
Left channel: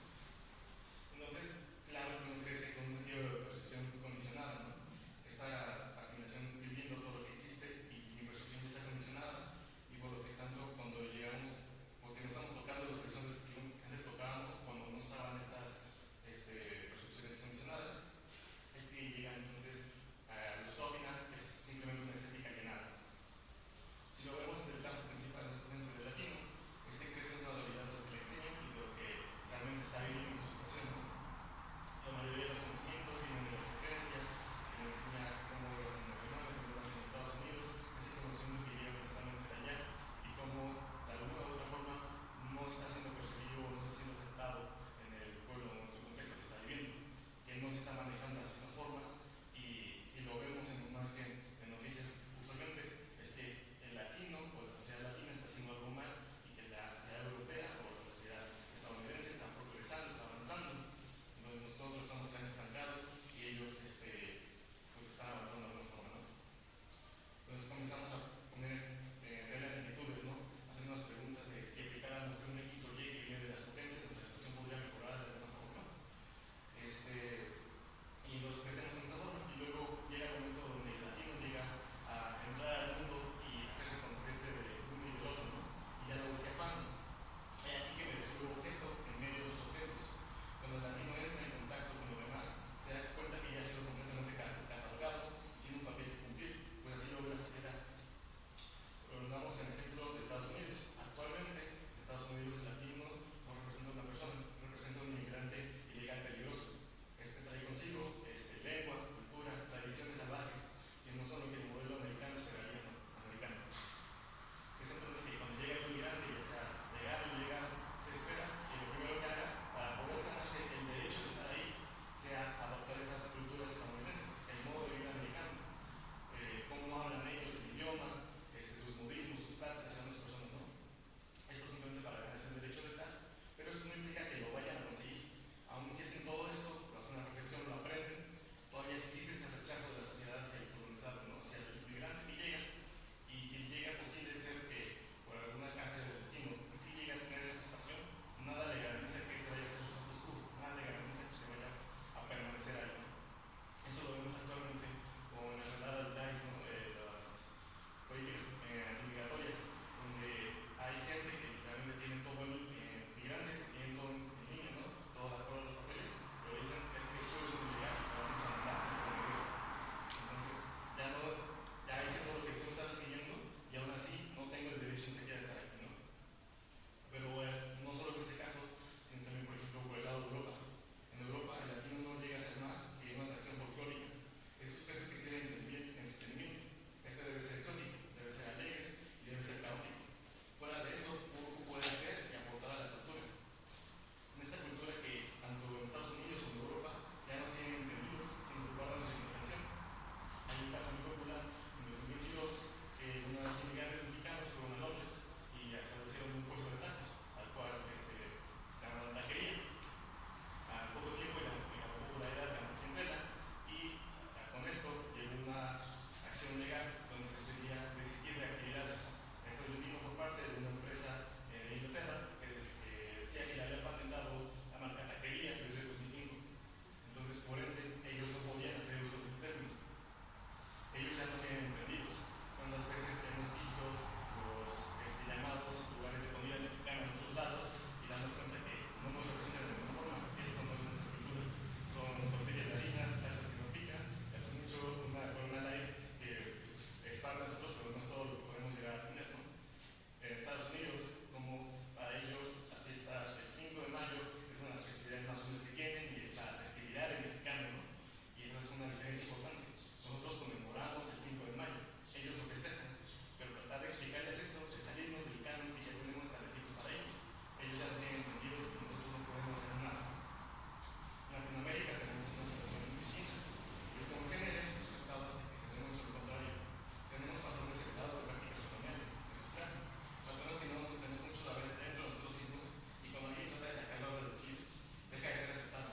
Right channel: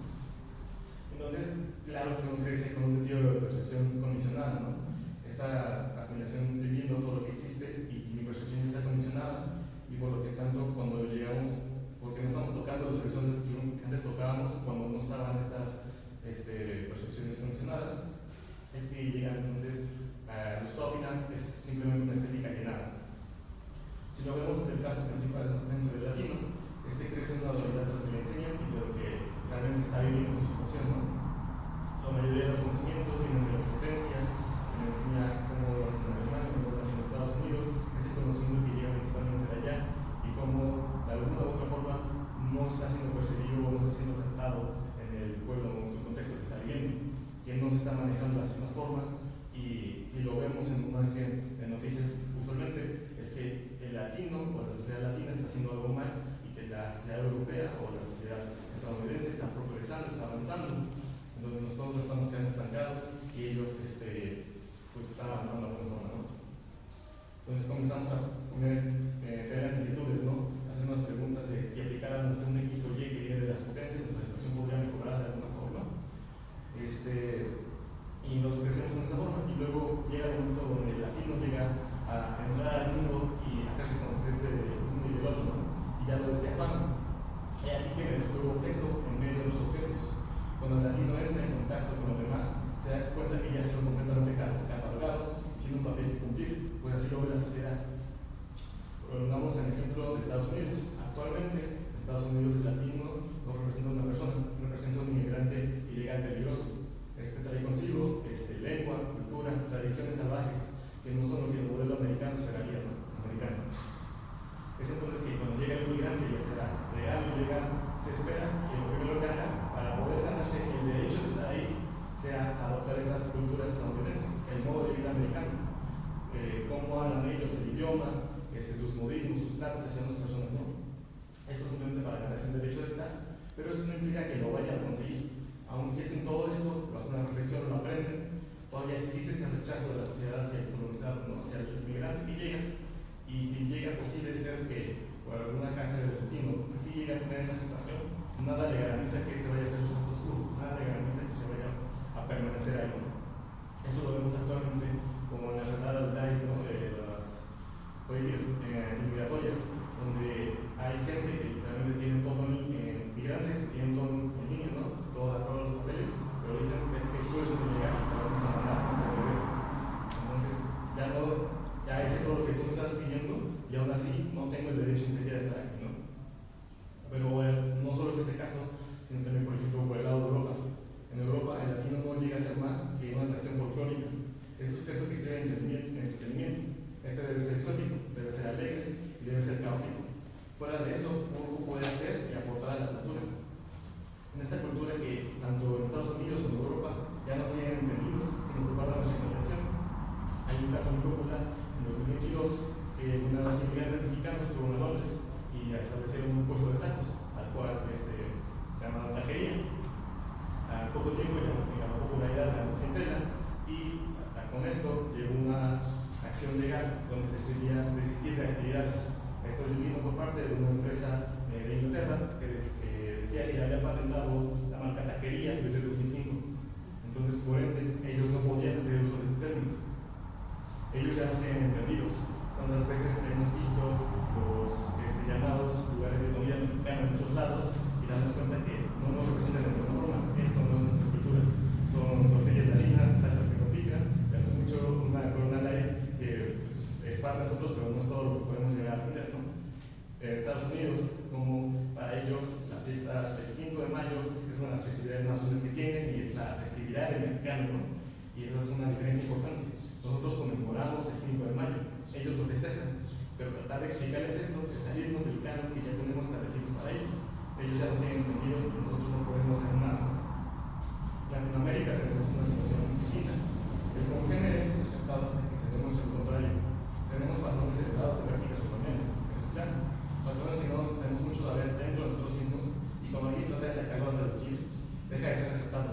Entonces, claro que uno crece con un sentido de percepción condicionada, ¿no? Esta asimilación, estoy viendo todo lo que existe y mi percepción ya está condicionada, y por lo que tanto cuando llegamos, porque no estamos tocando los horizontes que antes tocábamos cuando no estaban estas percepciones condicionadas, es que llegan entonces el resultado final es simplemente una estética llenada. Si lo vemos en el caso principal dentro del latino, crece una dualidad de lo que le enseñan y de lo que realmente está viviendo en su situación, ¿no? La mayoría de los conocimientos vienen de las potencias, se me enseña cómo lo hacen en Alemania, cómo lo hacen en Estados Unidos, ese conocimiento que llega principalmente de allá y cómo de alguna u otra forma no está siendo percibido o no está siendo aceptado en el pueblo o en su contexto que está viviendo, que no se están manejando las mismas formas. Y si lo vemos en una imagen de noticias, usualmente es que el latino o la sociedad latina está haciendo algo mal y que la sociedad europea o la sociedad estadounidense está progresando, está avanzando. Entonces nosotros estamos quedando estancados y ellos pues están avanzando de alguna forma, ¿no? Entonces comenzamos a poner las similitudes, ¿no? Hacer unas preguntas de si aplicáramos un X o Y que viene de las potencias, nuestra situación podría mejorar de alguna forma. Y nos crecemos con esta forma, y luego llega el momento donde el latino llega a entrar al mundo y hacerse consciente del uno y del otro, ¿no? Y ya lo decía Juan, hay aquí que me descubro objeto en medio de los objetos. Cuando el latino entra en contacto con los demás, se da cuenta que ya ha sido completamente catalogado y tiene un papel que cumplir, pues así lo ve la sociedad. Pongamos el ejemplo de Estados Unidos. Actualmente, en Estados Unidos el latino no representa a una persona, representa a un inmigrante ilegal peligroso. Trae consigo lengua, cultura, tradiciones salvajes, que no son lo que el modelo americano esperaría, ¿no? Americano. Es entonces que cuando llega el inmigrante, ya sea legal o ilegal, se espera que lo primero que haga para poder ganarse el derecho de estar ahí sea adoptar estas culturas estadounidenses, el modo de vida americano, cómo hablan ellos, el idioma, sus modismos, sus tratos hacia otras personas, ¿no? Esto simplemente para ganarse el derecho de estar, pero eso no implica que lo vayan a conseguir. Aún si hacen todo esto, lo hacen a la perfección, lo aprenden, todavía existe ese rechazo de la sociedad hacia el colonizado, ¿no? Hacia el inmigrante que llega. Y si llega posible ser que por alguna causa del destino si llega a tener esa situación, nada le garantiza que se vaya a hacer su futuro, nada le garantiza que se vaya a permanecer ahí, ¿no? Eso lo vemos actualmente como en las redadas de ICE, ¿no? Las políticas migratorias, donde hay gente que realmente tiene todo migrantes que tienen todo en línea, ¿no? Todo de acuerdo a los papeles, pero dicen es que tú eres un inmigrante, pero vamos a mandar, ¿no? Entonces, ya hice todo lo que tú me estás pidiendo y aún así no tengo el derecho ni siquiera de estar aquí, ¿no? Pero no solo es ese caso, sino también, por ejemplo, por el lado de Europa. En Europa, el latino no llega a ser más que una atracción folclórica. Es un sujeto que sea entretenimiento. Este debe ser exótico, debe ser alegre y debe ser caótico. Fuera de eso, poco puede hacer y aportar a la cultura. En esta cultura que tanto en Estados Unidos como en Europa ya no tienen entendidos, sino que guardan nuestra intención. Hay un caso muy popular en 2022 que unos inmigrantes mexicanos fueron a Londres y establecieron un puesto de tacos, al cual llamaban taquería. A poco tiempo ganó popularidad, ganó clientela y con esto llegó una acción legal donde se escribía desistir de actividades. Esto vino por parte de una empresa de Inglaterra que decía que ya había patentado la marca taquería desde 2005. Entonces, por ende, ellos no podían hacer uso de este término. Ellos ya no tienen entendidos. ¿Cuántas veces hemos visto los llamados lugares de comida mexicana en otros lados y damos cuenta que no nos representan de alguna forma? Esto no es nuestra cultura. Son tortillas de harina, salsas que no pican, mucho una ley que es parte de nosotros, pero no es todo lo que podemos llegar a aprender, ¿no? En Estados Unidos, como para ellos la fiesta del 5 de mayo es una de las festividades más grandes que tienen y es la festividad del mexicano, ¿no? Y eso es una diferencia importante. Nosotros conmemoramos el 5 de mayo, ellos lo festejan, pero tratar de explicarles esto es salirnos del canon que ya tenemos establecidos para ellos. Ellos ya los tienen entendidos y nosotros no podemos hacer nada. En Latinoamérica tenemos una situación distinta. El congénere es aceptado hasta que se demuestre lo contrario. Tenemos patrones heredados de prácticas coloniales, eso es claro. Patrones que no tenemos mucho que ver dentro de nosotros mismos y cuando alguien trata de sacarlo a reducir, deja de ser aceptado.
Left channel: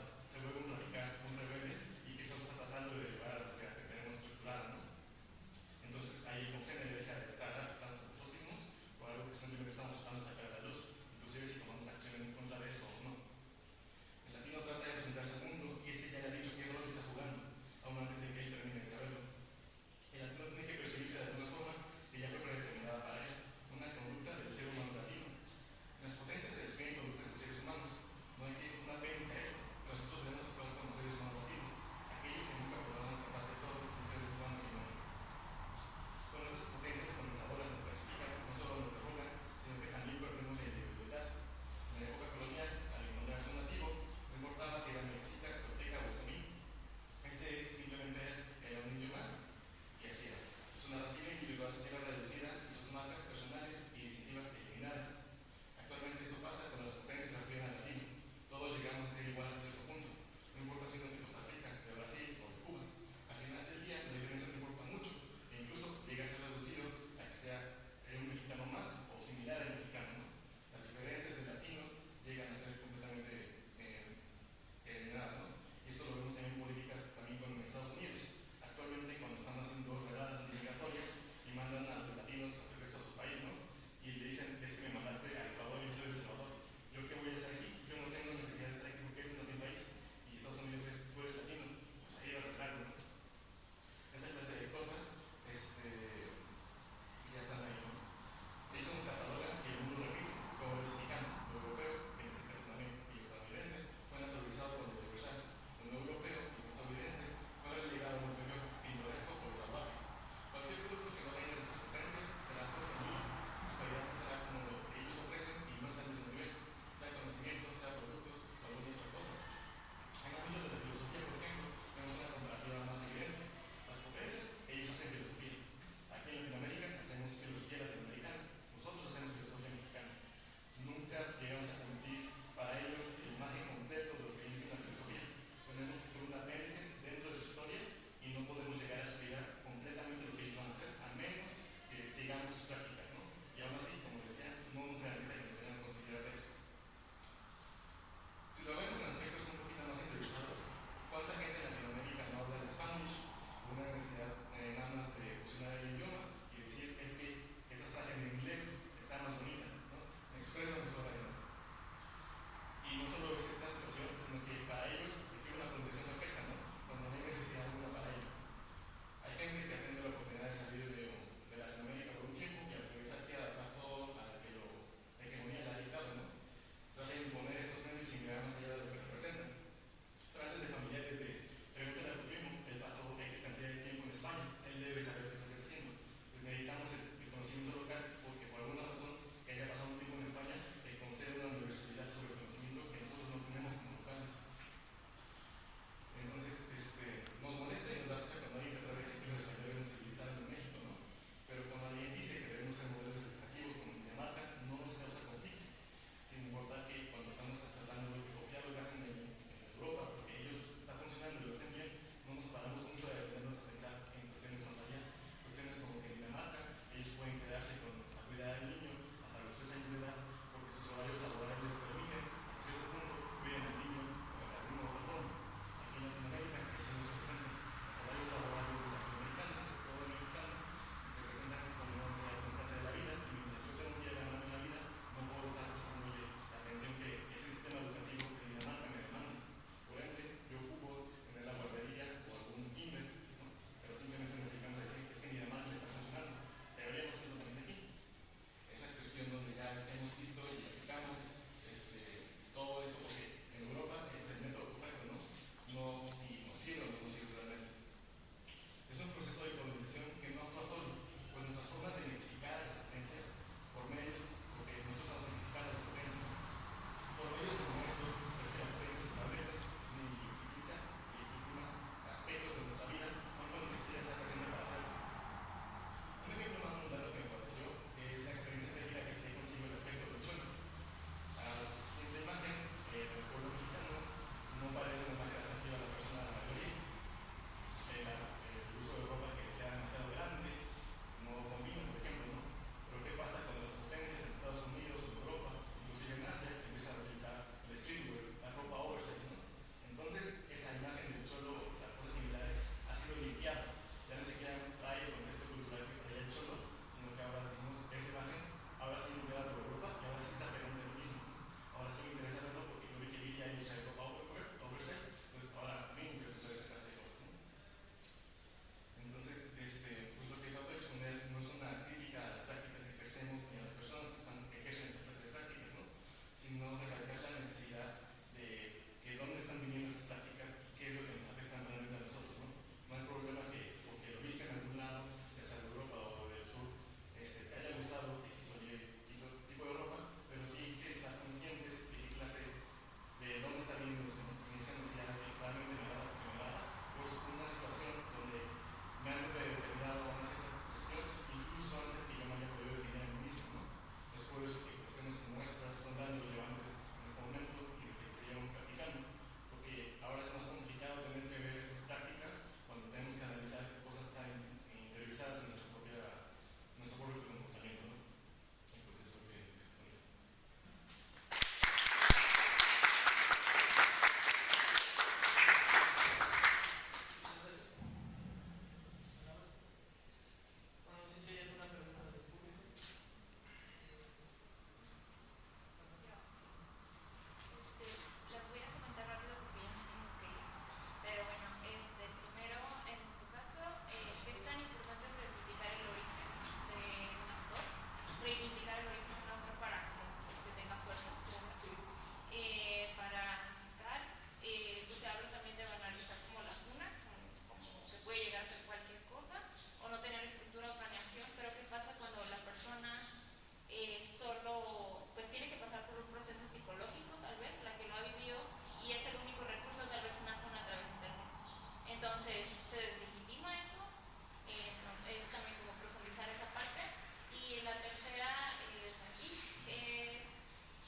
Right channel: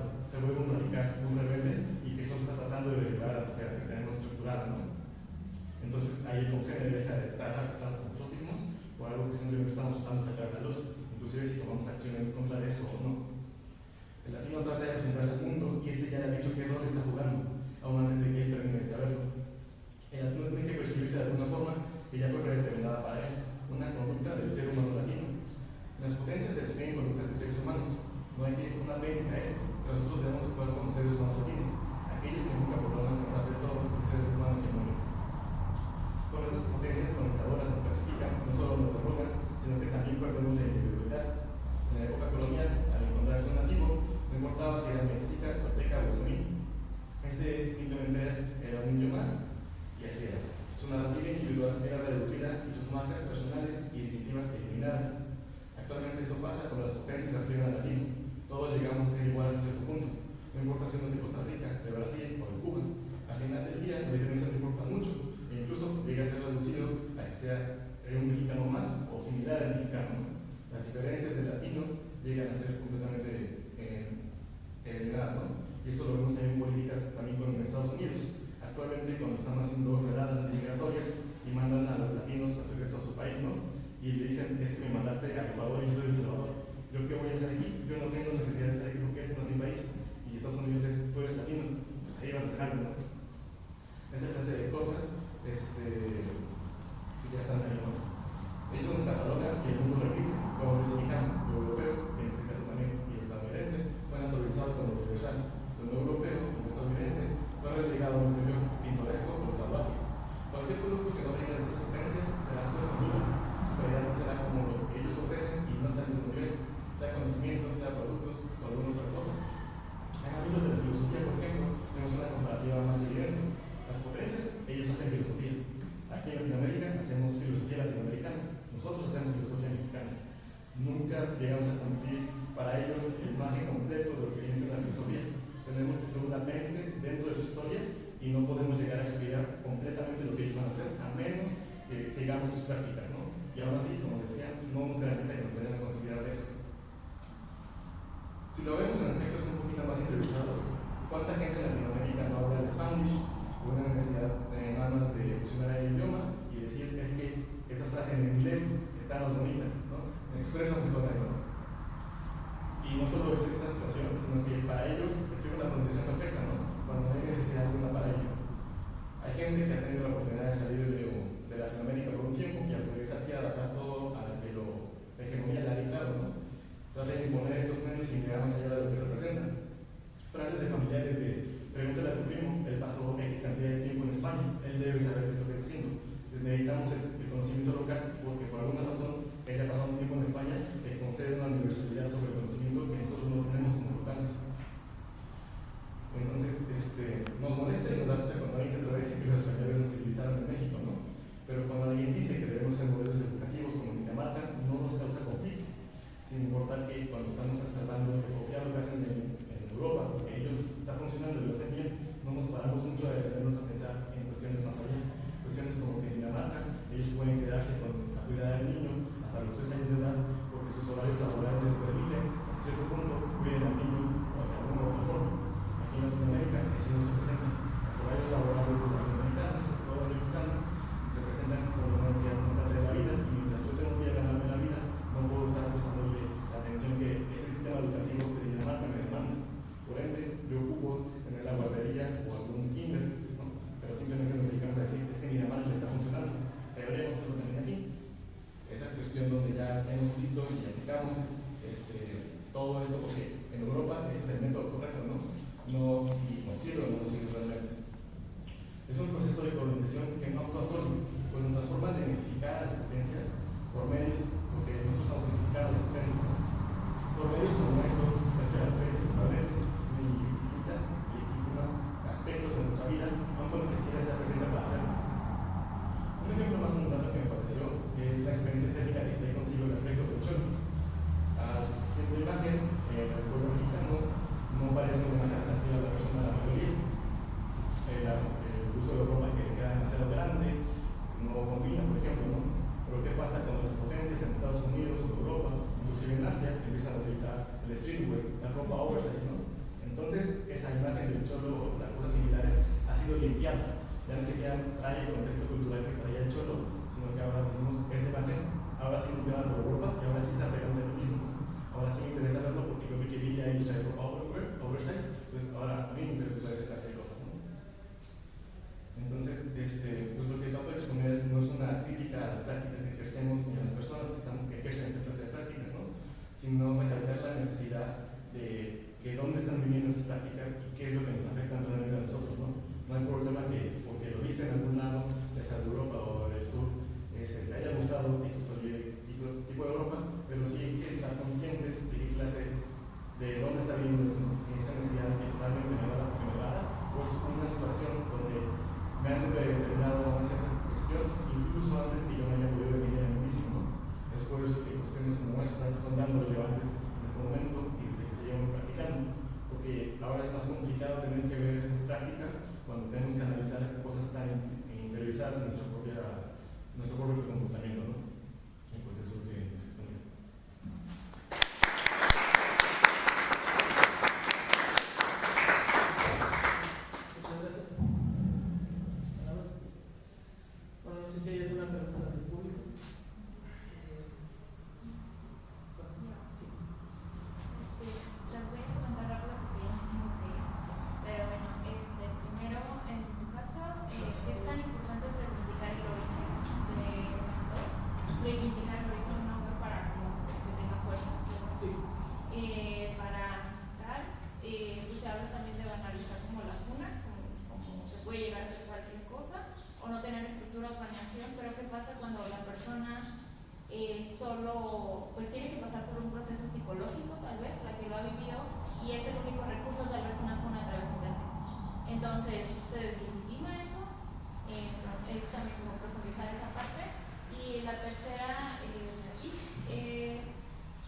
esa necesidad que totalmente generada, pues una situación donde me han determinado una cierta cuestión, incluso antes que yo me haya podido definir a mí mismo, ¿no? Es por eso que cuestiones como estas son tan relevantes en este momento y desde que se llevan practicando, porque ahora es más complicado tener que ver estas prácticas cuando tenemos que analizar cosas tan interiorizadas en nuestro propio comportamiento, ¿no? Y pues eso que Bueno, no sé si hay alguna pregunta del público. Las voy a comentar rápido porque ya me tengo que ir. Pero bueno, primero, en tu caso, ¿qué tan importante es reivindicar el origen de un autor? Reivindicar el origen de un autor para que tenga fuerza. Para tal, pues se habla también de banalizar como lagunas, como que puede llegar a ser cualquier cosa, o no tener estructura o planeación. Pero ¿qué pasa cuando la persona solo pues tiene que pasar por un proceso psicológico, tal vez, la que lo ha vivido, y es el único recurso, tal vez una funa a través de internet? Entonces, ¿se deslegitima eso? Es también como profundizar esa parte. Y la tercera, es,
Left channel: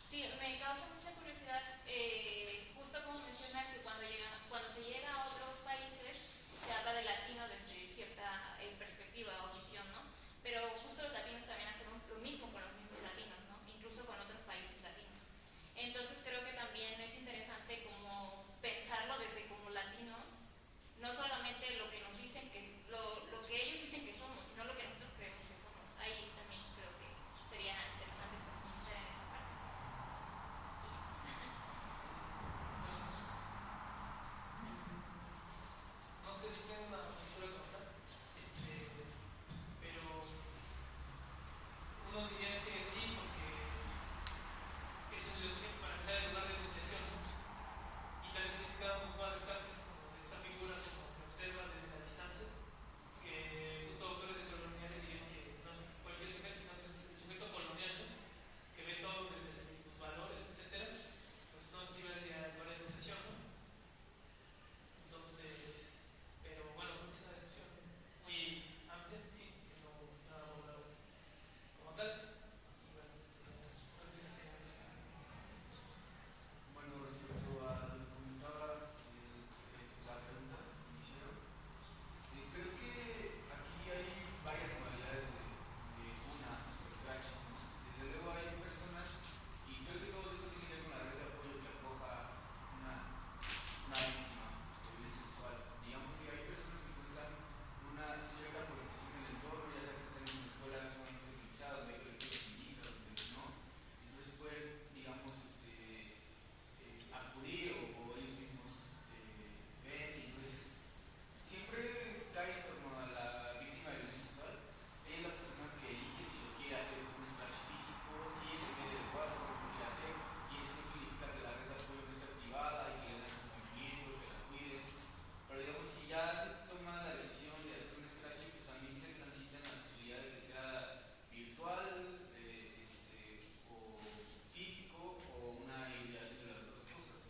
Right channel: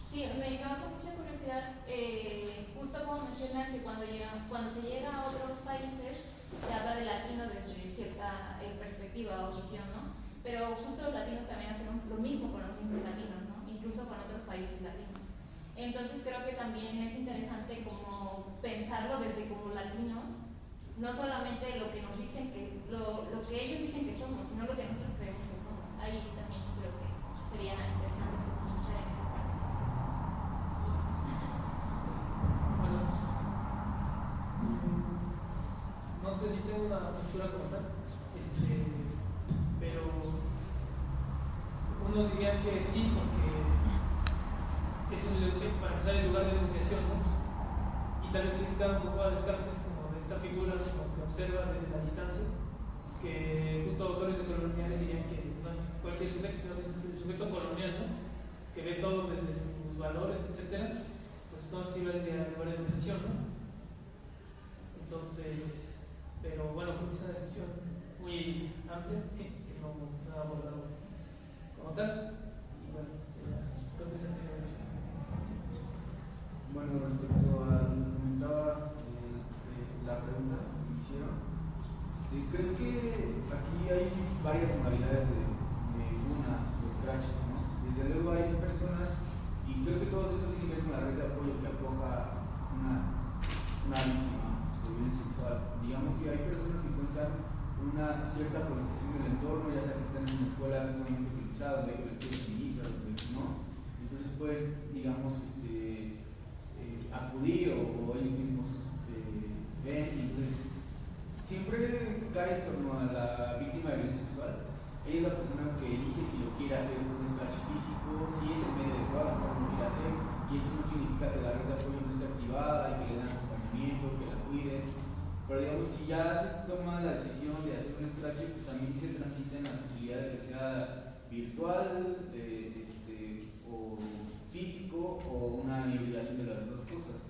sí, me causa mucha curiosidad, justo como mencionas que cuando se llega a otros países, se habla de latino desde cierta perspectiva o visión, ¿no? Pero justo los latinos también hacemos lo mismo con los mismos latinos, ¿no? Incluso con otros países latinos. Entonces creo que también es interesante como pensarlo desde como latinos, no solamente lo que nos dicen lo que ellos dicen que somos, sino lo que nosotros creemos que somos. Ahí también creo que sería interesante profundizar en esa parte. Bueno, no sé si tengo una postura como tal, pero unos dirían que sí, porque es para empezar el lugar de negociación, ¿no? Y tal vez criticando un poco a Descartes como de esta figura como que observa desde la distancia, que justo autores de coloniales dirían que no es cualquier sujeto, sino que es el sujeto colonial, ¿no? Que ve todo desde sus valores, etcétera. Pues entonces sí va a llegar al lugar de negociación, ¿no? Entonces, pero bueno, creo que es una discusión muy amplia que no ha abordado como tal. Y bueno, creo que esa sería la respuesta. Bueno, respecto a lo que comentaba, la pregunta que me hicieron, creo que aquí hay varias modalidades de unas o scratch, ¿no? Desde luego hay personas, y creo que todo esto tiene que ver con la red de apoyo que acoja una víctima de violencia sexual. Digamos que hay personas que cuentan con una cierta politización del entorno, ya sea que están en una escuela sumamente utilizada, de colectivos feministas, ¿no? Entonces pueden, digamos, acudir o ellos mismos ven, y entonces siempre cae en torno a la víctima de violencia sexual. Ella es la persona que elige si lo quiere hacer con un scratch físico, si es el medio adecuado, a lo quiere hacer, y eso no significa que la red de apoyo no esté activada y que le den acompañamiento, que la cuiden. Pero digamos, si ya se toma la decisión de hacer un scratch, pues también se transita en la posibilidad de que sea virtual, o físico, o una hibridación de las dos cosas.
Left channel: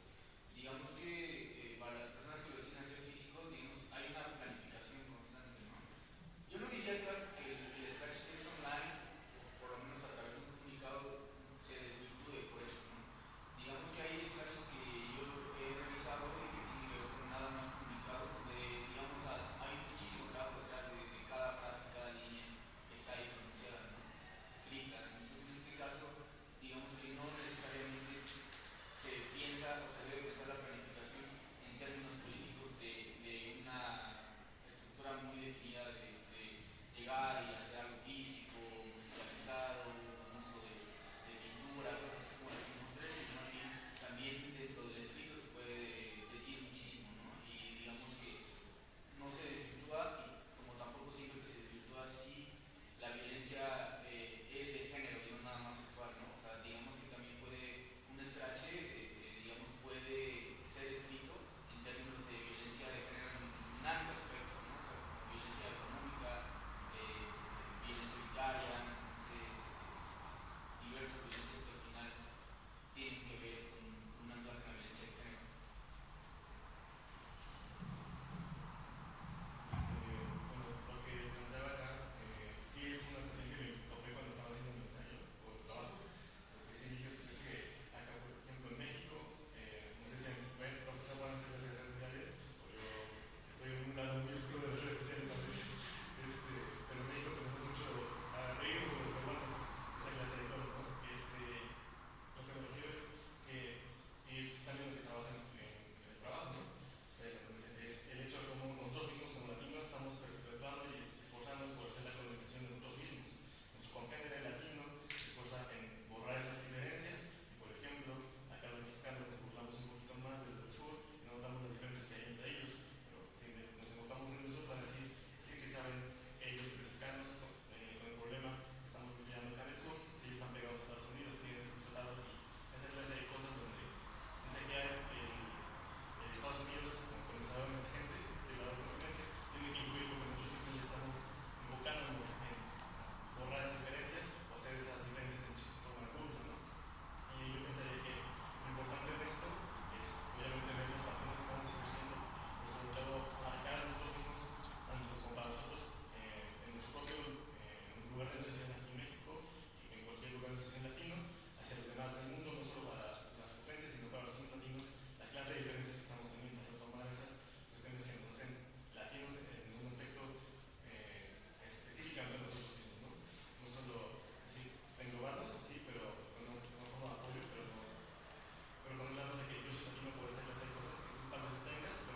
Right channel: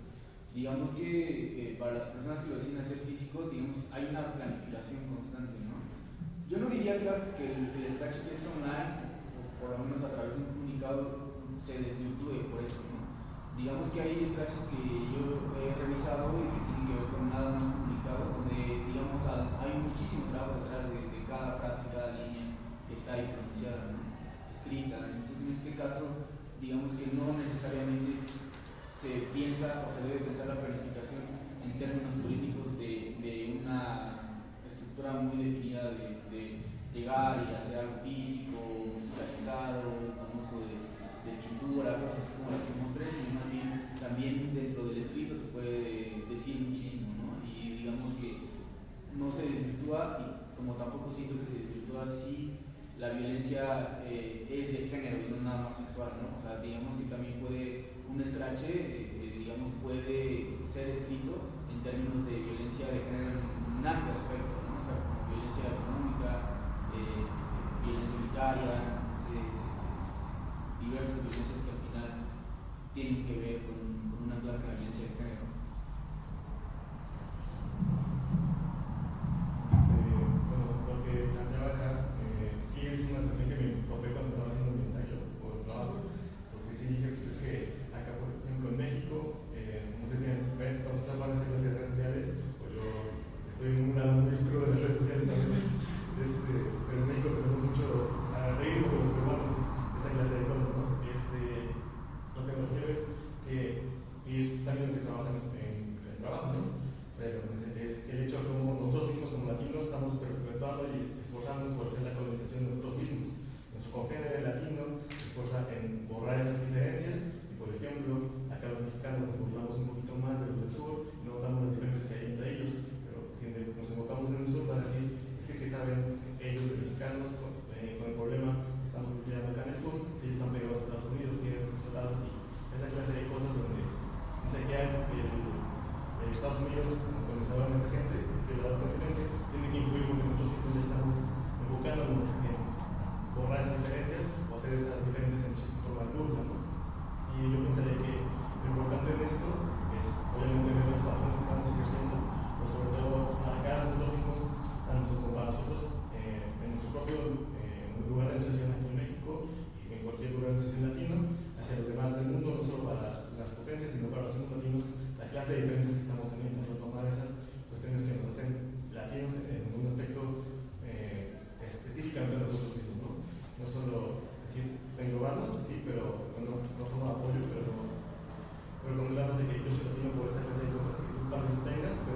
Digamos que para las personas que lo deciden hacer físico, digamos, hay una planificación constante, ¿no? Yo no diría que el scratch que es online, o por lo menos a través de un comunicado, se desvirtúe por eso, ¿no? Digamos que hay scratches que yo he revisado y que tienen que ver con nada más comunicados, donde, digamos, hay muchísimo trabajo detrás de cada frase, cada línea que está ahí pronunciada, ¿no? Escrita. Entonces, en este caso, digamos que no necesariamente se piensa o se debe pensar la planificación en términos políticos de una estructura muy definida de llegar y hacer algo físico, musicalizado, con uso de pintura, cosas como las que mostré, sino más bien también dentro del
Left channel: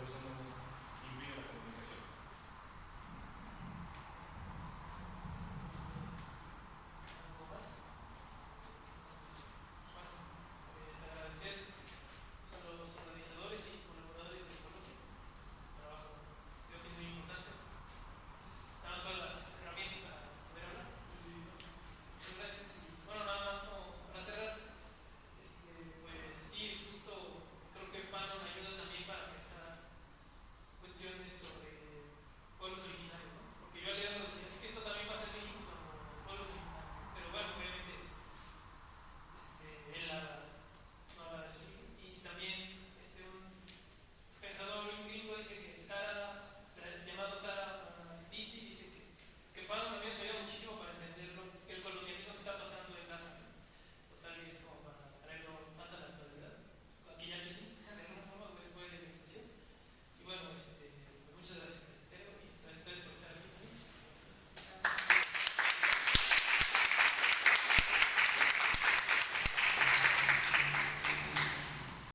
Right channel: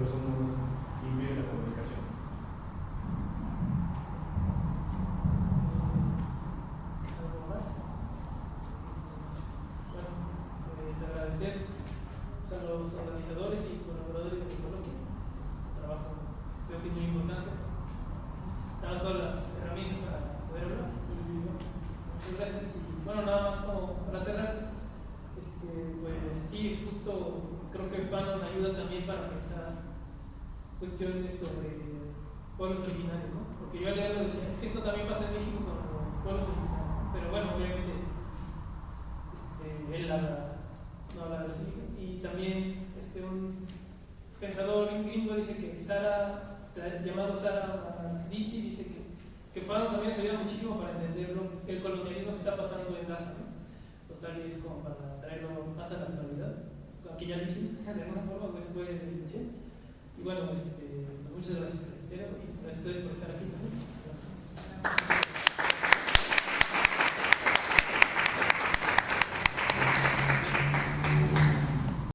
eso no nos impide la comunicación. ¿Algo más? Bueno, pues agradecer a los organizadores y colaboradores de Colombia. Su trabajo creo que es muy importante. Nada más todas las herramientas para poderlo. Y bueno, muchas gracias. Y bueno, nada más como para cerrar, pues sí, justo creo que Fanon ayuda también para pensar cuestiones sobre pueblos originarios, ¿no? Porque yo al leerlo decía, es que esto también pasa en México con los pueblos originarios, pero bueno, obviamente él no habla de los indígenas. Y también un pensador, un gringo, dice que llamado Sara Disi, dice que Fanon también se ayuda muchísimo para entender el colonialismo que está pasando en Gaza, ¿no? Pues tal vez como para traerlo más a la actualidad, aquí ya lo hice, de alguna forma, pues se puede evidenciar. Y bueno, muchas gracias, y a ustedes por estar.